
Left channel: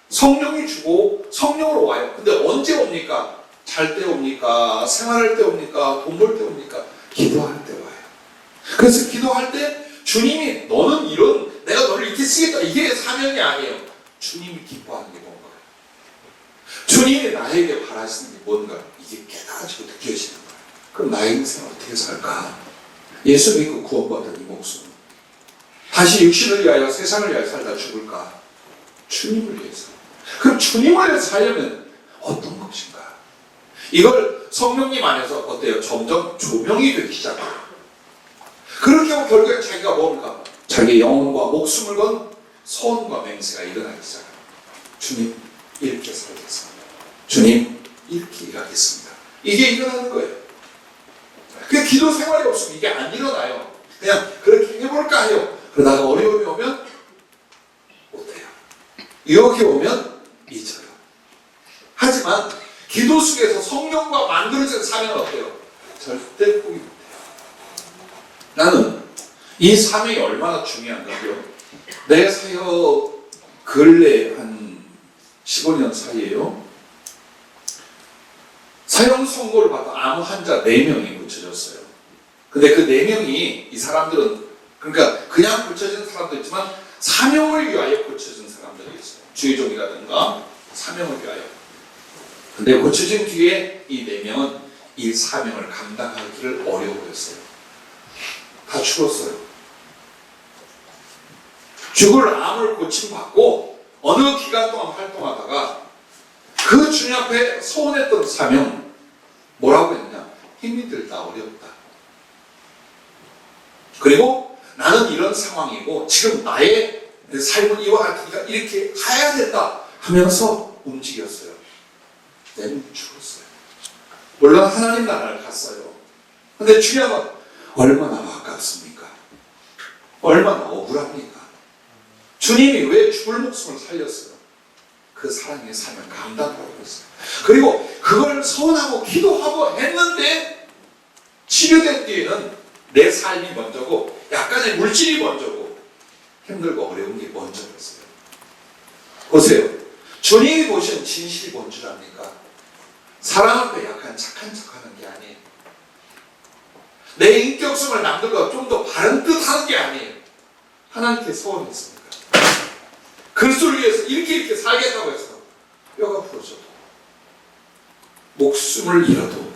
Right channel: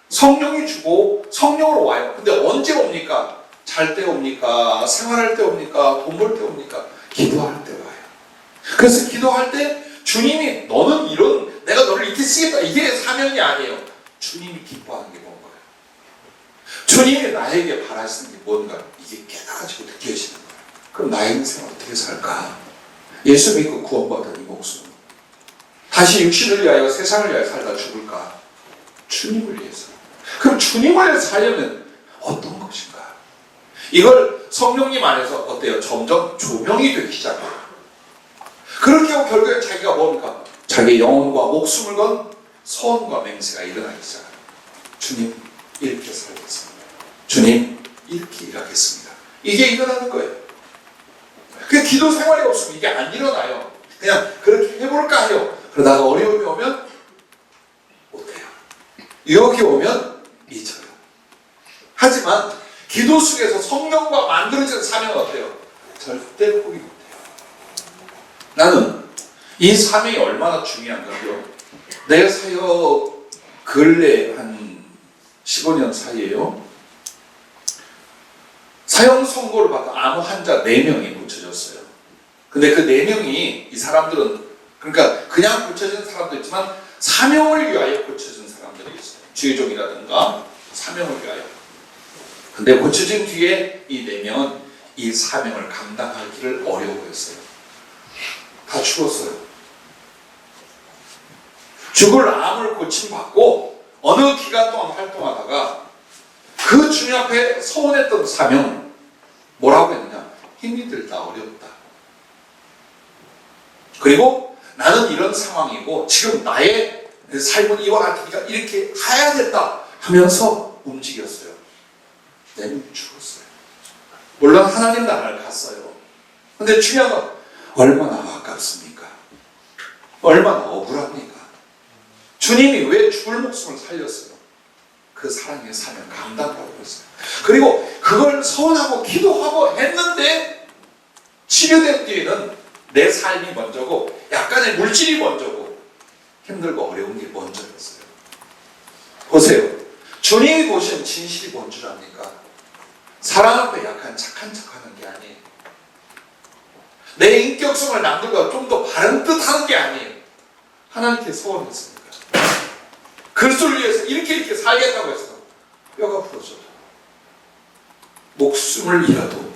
성령이 주고 성령으로 와요. 근데 언제 옵니까? 잘 때 옵니까? 생활할 때 옵니까? 돈 벌 때 옵니까? 기도할 때 와요. 그래서 기도할 때 주님이 너는 이런 내가 너를 이렇게 쓰겠다 이게 사명이 아니에요. 주님이 기뻐하는 게 뭔가요? 주님이 나에게 바라시는 게 뭔가 이게 깨달아지고 느껴지는 거예요. 그럼 나의 인생을 어떻게 살까? 예수 믿고 구원받은 이 목숨 다시 육신을 위하여 세상을 위하여 살다 죽을까? 주님을 위해서. 그럼 주님을 위해서 살려면 어떤 것인가? 이걸 성령님 안에서 어때요? 점점 조명이 되기 시작해요. 그렇게 하고 결국에 자기가 뭡니까? 자기 영혼과 목숨을 건 소원과 맹세가 일어나기 시작해요. 주님 이렇게 살겠습니다. 주님 이렇게 일하겠습니다. 이게 일어나는 거예요. 그 기도 생활이 없으면 이게 안 일어나요. 그냥 그렇게 해볼까 해요. 그러다가 어려움이 오면 못해요. 유혹이 오면 잊어요. 하지만 기도 속에서 성령과 만들어진 사명은 어때요? 절대 포기 못해요. 나는 이 사명이 얼마나 중요한가요? 내 사역 근래 한 15년 사이에요. 사형 선고를 받던 암 환자 4명이 고쳐졌어요. 근데 그 4명이 이 사람들은 그러니까 그냥 고쳐진 사람도 있지만 사명을 위하여 고쳐진 사람들이 있어요. 주의종이라든가 사명을 위하여. 근데 고쳐진 뒤에 이 4명은 이 사명을 감당하기를 어려워했어요. 다 죽었어요. 죽을 암을 고침받고 어느 기간 동안 활동하다가 그 주님 앞에 서원했던 사명 뭐라고 했느냐? 힘이 들다 어렵다. 그리고 나는 이런 상황이고 지금 나의 삶은 이와 같으니까 이렇게 가야 된다 하면서 움직였어요. 내는 죽었어요. 물론 하나님 나라를 갔어요. 근데 중요한 건 얼마나 아깝습니까? 얼마나 억울합니까? 주님이 왜 죽을 목숨을 살렸어요? 그 사랑의 사명 감당하고 있어요. 그리고 그걸 소원하고 기도하고 했는데 치료된 뒤에는 내 삶이 먼저고 약간의 물질이 먼저고 힘들고 어려운 게 먼저였어요. 보세요. 주님이 보신 진실이 뭔 줄 압니까? 사랑 앞에 약간 착한 척하는 게 아니에요. 내 인격성을 남들보다 좀 더 바른 듯 하는 게 아니에요. 하나님께 소원했습니다. 그리스도를 위해서 이렇게 살겠다고 해서 뼈가 부러져도 목숨을 잃어도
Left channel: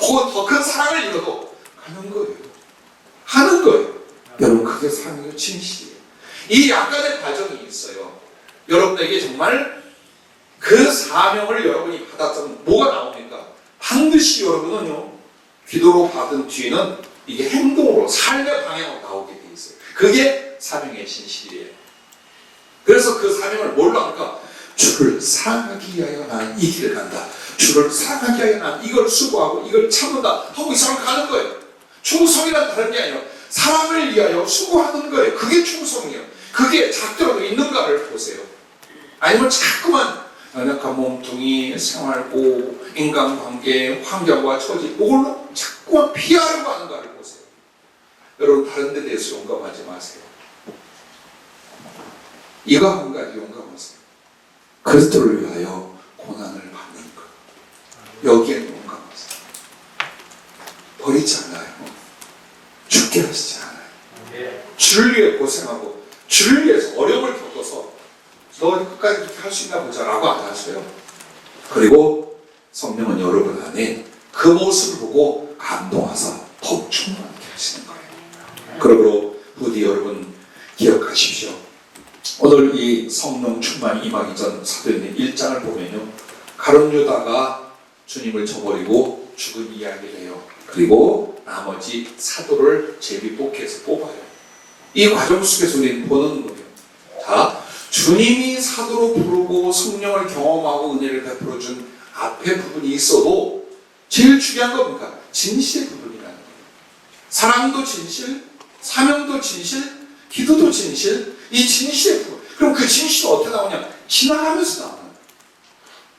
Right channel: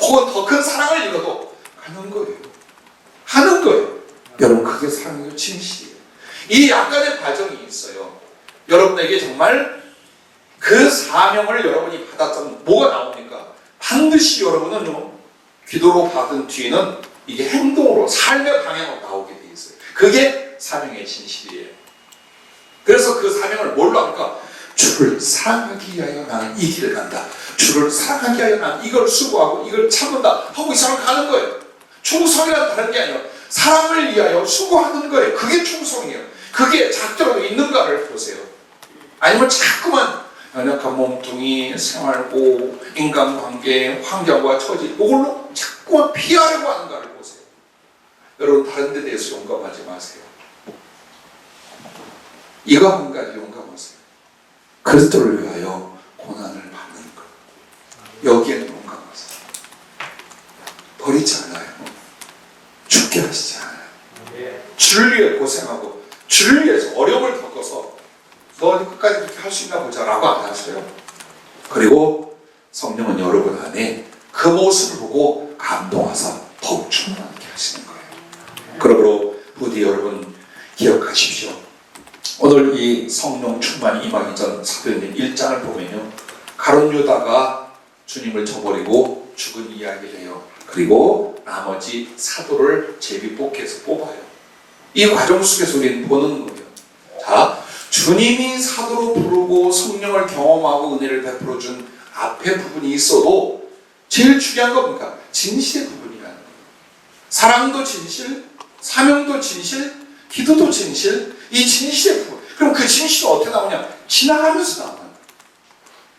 혹은 더 큰 사랑을 잃어도 하는 거예요. 하는 거예요. 여러분 그게 사랑의 진실이에요. 이 약간의 과정이 있어요. 여러분에게 정말 그 사명을 여러분이 받았다면 뭐가 나옵니까? 반드시 여러분은요 기도로 받은 뒤에는 이게 행동으로 삶의 방향으로 나오게 돼 있어요. 그게 사명의 진실이에요. 그래서 그 사명을 뭘로 합니까? 주를 사랑하기 위하여 나는 이 길을 간다. 주를 사랑하기 위하여 나는 이걸 수고하고 이걸 참는다 하고 이 사람을 가는 거예요. 충성이란 다른 게 아니에요. 사랑을 위하여 수고하는 거예요. 그게 충성이에요. 그게 작정하고 있는가를 보세요. 아니면 자꾸만 연약한 몸뚱이, 생활고, 인간관계, 환경과 처지 이걸로 자꾸만 피하려고 하는가를 보세요. 여러분 다른 데 대해서 용감하지 마세요. 이거 한 가지 용감하세요. 그리스도를 위하여 고난을 받는 것. 여기에 용감하세요. 버리지 않아요. 죽게 하시지 않아요. 주를 위해 고생하고 주를 위해서 어려움을 겪어서 너 끝까지 그렇게 할 수 있나 보자 라고 안 하세요. 그리고 성령은 여러분 안에 그 모습을 보고 감동하사 더욱 충만하게 하시는 거예요. 그러므로 부디 여러분 기억하십시오. 오늘 이 성령 충만이 임하기 전 사도행전 1장을 보면요, 가룟 유다가 주님을 저버리고 죽은 이야기를 해요. 그리고 나머지 사도를 제비뽑기해서 뽑아요. 이 과정 속에서 우리는 보는 거예요. 자, 주님이 사도로 부르고 성령을 경험하고 은혜를 베풀어준 앞에 부분이 있어도 제일 중요한 건 뭡니까? 진실의 부분이라는 거예요. 사랑도 진실, 사명도 진실, 기도도 진실, 이 진실의 부분. 그럼 그 진실은 어떻게 나오냐? 지나가면서 나오는 거예요.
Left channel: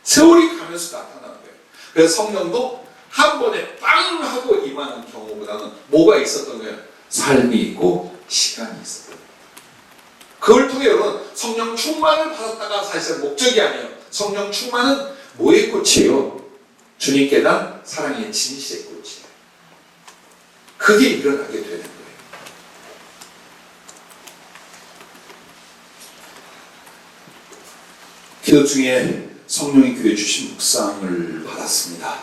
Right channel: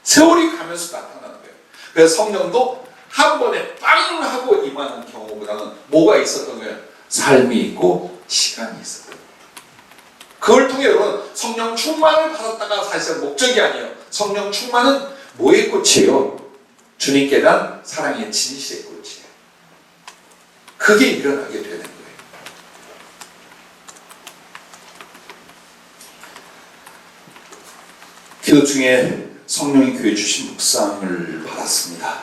세월이 가면서 나타나는 거예요. 그래서 성령도 한 번에 빵 하고 임하는 경우보다는 뭐가 있었던 거예요? 삶이 있고 시간이 있었던 거예요. 그걸 통해 여러분 성령 충만을 받았다가 사실은 목적이 아니에요. 성령 충만은 뭐의 꽃이에요? 주님께 대한 사랑의 진실의 꼴찌예요. 그게 일어나게 되는 거예요. 기도 중에 성령이 교회 주신 묵상을 받았습니다.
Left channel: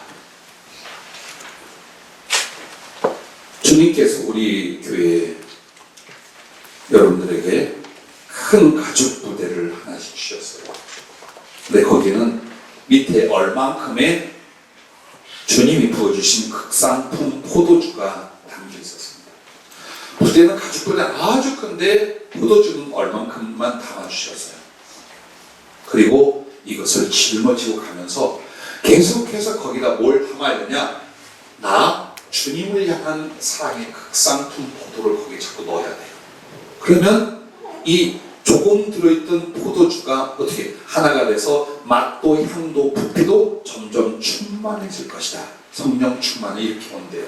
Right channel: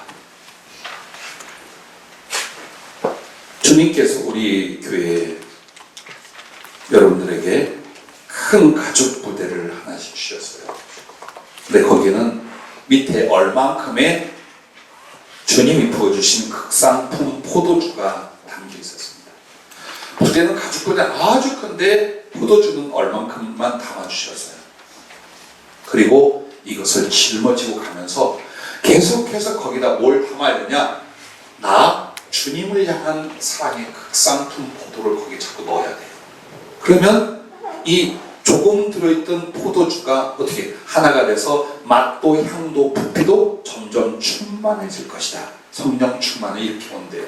주님께서 우리 교회 여러분들에게 큰 가죽 부대를 하나씩 주셨어요. 근데 거기는 밑에 얼만큼의 주님이 부어주신 극상품 포도주가 담겨 있었습니다. 부대는 가죽 부대 아주 큰데 포도주는 얼만큼만 담아주셨어요. 그리고 이것을 짊어지고 가면서 계속해서 거기다 뭘 담아야 되냐? 나 주님을 향한 사랑의 극상품 포도를 거기에 자꾸 넣어야 돼요. 그러면 이 조금 들어있던 포도주가 어떻게 하나가 돼서 맛도 향도 부피도 점점 충만해질 것이다. 성령 충만을 이렇게 온대요.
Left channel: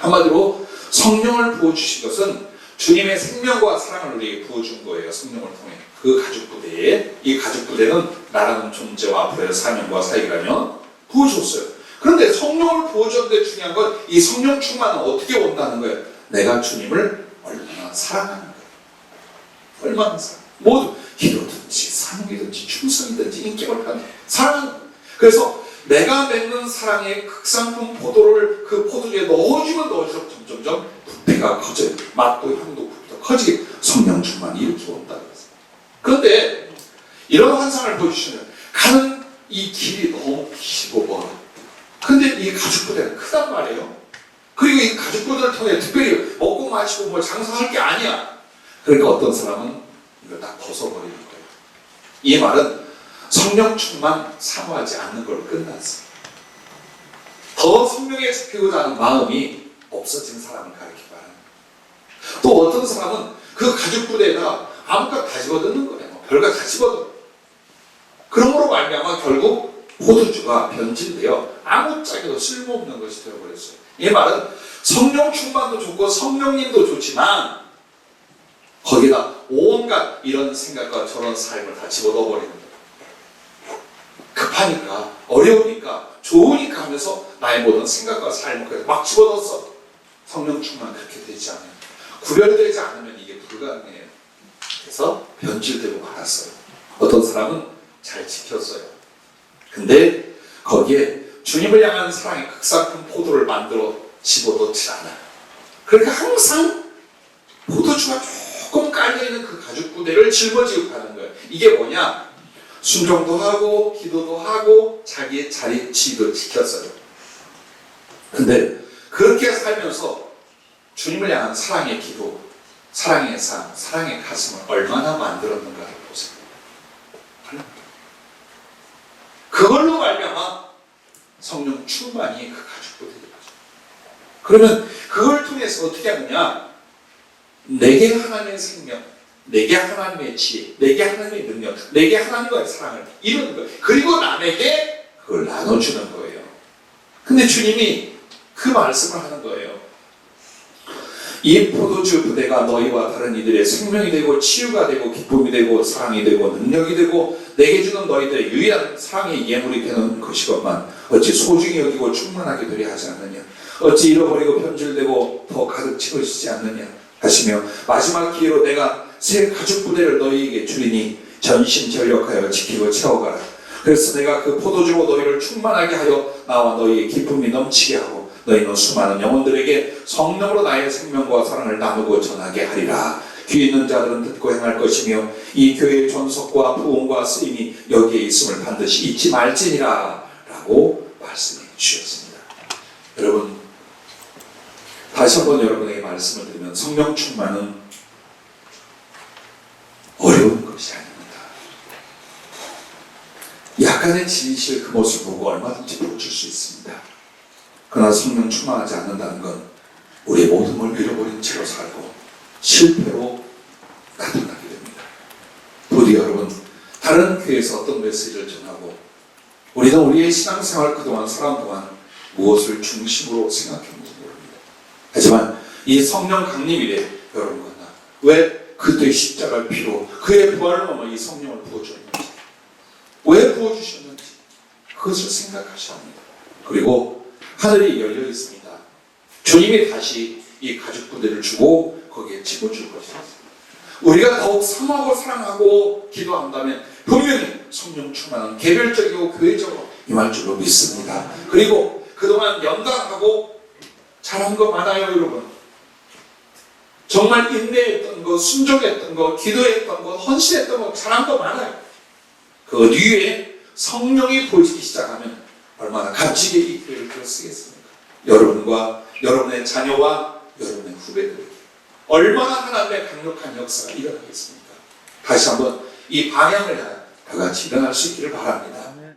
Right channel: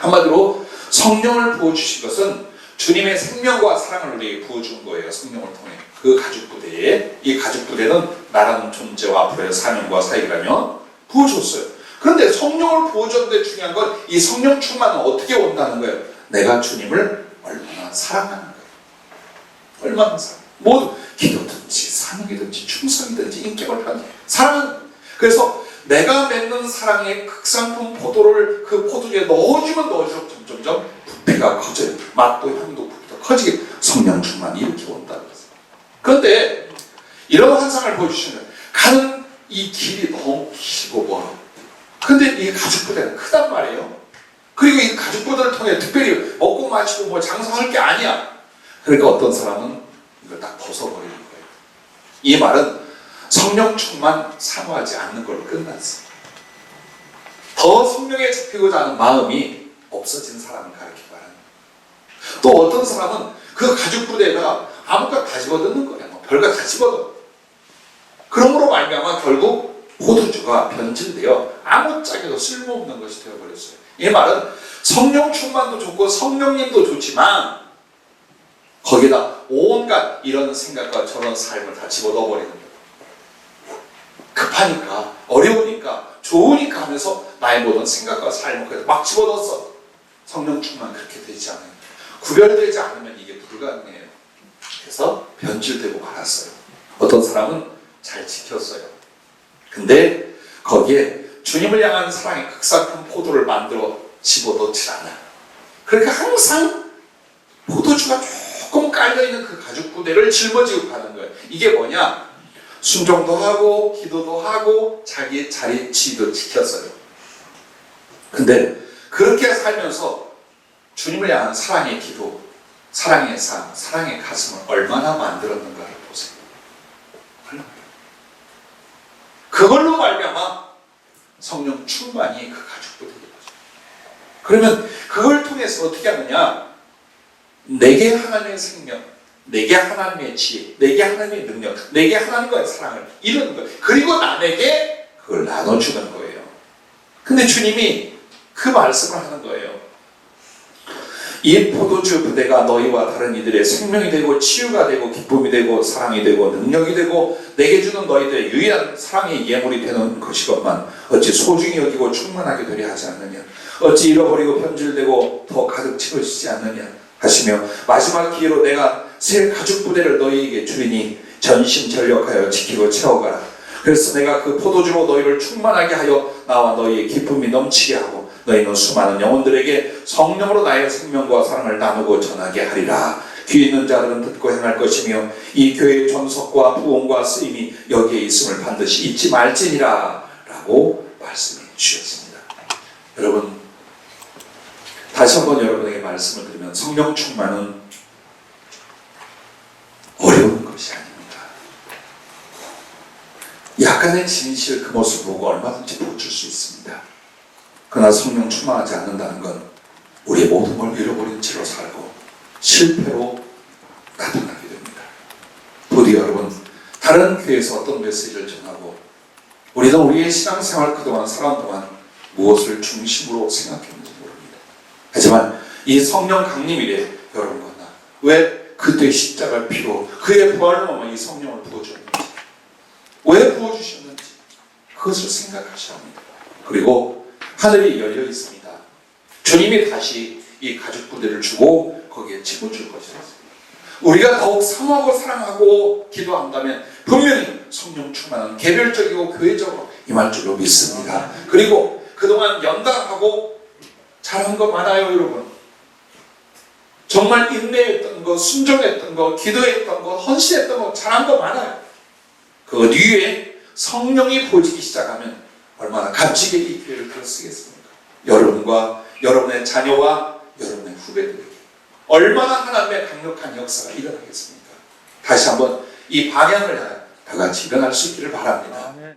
한마디로 성령을 부어주신 것은 주님의 생명과 사랑을 우리에게 부어준 거예요. 성령을 통해. 그 가죽부대에, 이 가죽부대는 나라는 존재와 앞으로의 사명과 사역이라면 부어줬어요. 그런데 성령을 부어줬는데 중요한 건 이 성령 충만은 어떻게 온다는 거예요. 내가 주님을 얼마나 사랑하는 거예요. 얼마나 사랑. 뭐 기도든지 사명이든지 충성이든지 인격을 하는 사랑. 그래서 내가 맺는 사랑의 극상품 포도를 그 포도주에 넣어주면 넣어줄수록 점점점 부피가 커져요. 맛도 향도 부피가 커지게 성령 충만이 이렇게 온다고 했어요. 그런데 이런 환상을 보여주시면 가는 이 길이 너무 길고 멀어. 근데 이 가죽부대는 크단 말이에요. 그리고 이 가죽부대를 통해 특별히 먹고 마시고 뭐 장사할 게 아니야. 그러니까 어떤 사람은 이걸 딱 벗어버리는 거예요. 이 말은 성령 충만 사모하지 않는 걸로 끝났어. 더 성령에 잡히고자 하는 마음이 없어진 사람을 가르치고 말하는 거예요. 또 어떤 사람은 그 가죽부대가 아무것도 다 집어넣는 거예요. 뭐 별거 다 집어넣어. 그러므로 말미암아 결국 포도주가 변질되어 아무짝에도 쓸모없는 것이 되어버렸어요. 이 말은 성령 충만도 좋고 성령님도 좋지만 거기다 온갖 이런 생각과 저런 삶을 다 집어넣어버리는 거예요. 급하니까 어려우니까 좋으니까 하면서 나의 모든 생각과 삶을 막 집어넣었어. 성령 충만 그렇게 되지 않아요. 구별되지 않으면 이게 불가능해요. 그래서 변질되고 말았어요. 어떤 사람은 잘 지켰어요. 근데 거기에 주님을 향한 사랑의 극상품 포도를 만들어 집어넣지 않아요. 그러니까 항상 포도주가 조금 깔려있는 그 가죽부대를 짊어지고 가는 거예요. 이게 뭐냐? 순종도 하고 기도도 하고 자기의 자리 지위도 지켰어요. 근데 그렇게 살면서 주님을 향한 사랑의 기도, 사랑의 삶, 사랑의 가슴을 얼마나 만들었는가를 보세요. 그걸로 말미암아 성령 충만이 그 가죽부대인 거죠. 그러면 그걸 통해서 어떻게 하느냐? 내게 하나님의 생명, 내게 하나님의 지혜, 내게 하나님의 능력, 내게 하나님과의 사랑을 이루는 거예요. 그리고 남에게 그걸 나눠주는 거예요. 근데 주님이 그 말씀을 하는 거예요. 이 포도주 부대가 너희와 다른 이들의 생명이 되고 치유가 되고 기쁨이 되고 사랑이 되고 능력이 되고 내게 주는 너희들의 유일한 사랑의 예물이 되는 것이건만 어찌 소중히 여기고 충만하게 되려 하지 않느냐. 어찌 잃어버리고 변질되고 더 가득 채워지지 않느냐 하시며 마지막 기회로 내가 새 가죽 부대를 너희에게 주리니 전심전력하여 지키고 채워가라. 그래서 내가 그 포도주로 너희를 충만하게 하여 나와 너희의 기쁨이 넘치게 하고 너희는 수많은 영혼들에게 성령으로 나의 생명과 사랑을 나누고 전하게 하리라. 귀 있는 자들은 듣고 행할 것이며 이 교회의 존속과 부흥과 쓰임이 여기에 있음을 반드시 잊지 말지니라 라고 말씀해 주셨습니다. 여러분 다시 한번 여러분에게 말씀을 드리면 성령 충만은 어려운 것이 아닙니다. 약간의 진실 그 모습을 보고 얼마든지 보여줄 수 있습니다. 그러나 성령 충만하지 않는다는 건 우리의 모든 걸 잃어버린 채로 살고 실패로 나타나게 됩니다. 부디 여러분 다른 교회에서 어떤 메시지를 전하고 우리는 우리의 신앙생활 그동안 살아온 동안 무엇을 중심으로 생각했는지 모릅니다. 하지만 이 성령 강림일에 여러분과 나 왜 그때 십자가를 피로 그의 부활을 넘어 이 성령을 부어주었는지 왜 부어주셨는지 그것을 생각하셔야 합니다. 그리고 하늘이 열려 있습니다. 주님이 다시 이 가족분들을 주고 거기에 집어줄 것이다. 우리가 더욱 사모하고 사랑하고 기도한다면 분명히 성령 충만한 개별적이고 교회적으로 임할 줄로 믿습니다. 그리고 그동안 연단하고 잘한 거 많아요, 여러분. 정말 인내했던 거, 순종했던 거, 기도했던 거, 헌신했던 거, 잘한 거 많아요. 그 뒤에 성령이 보이기 시작하면 얼마나 값지게 이 교회를 쓰겠습니까? 여러분과 여러분의 자녀와 여러분의 후배들에게 얼마나 하나님의 강력한 역사가 일어나겠습니까? 다시 한번 이 방향을 향해 다 같이 일어날 수 있기를 바랍니다.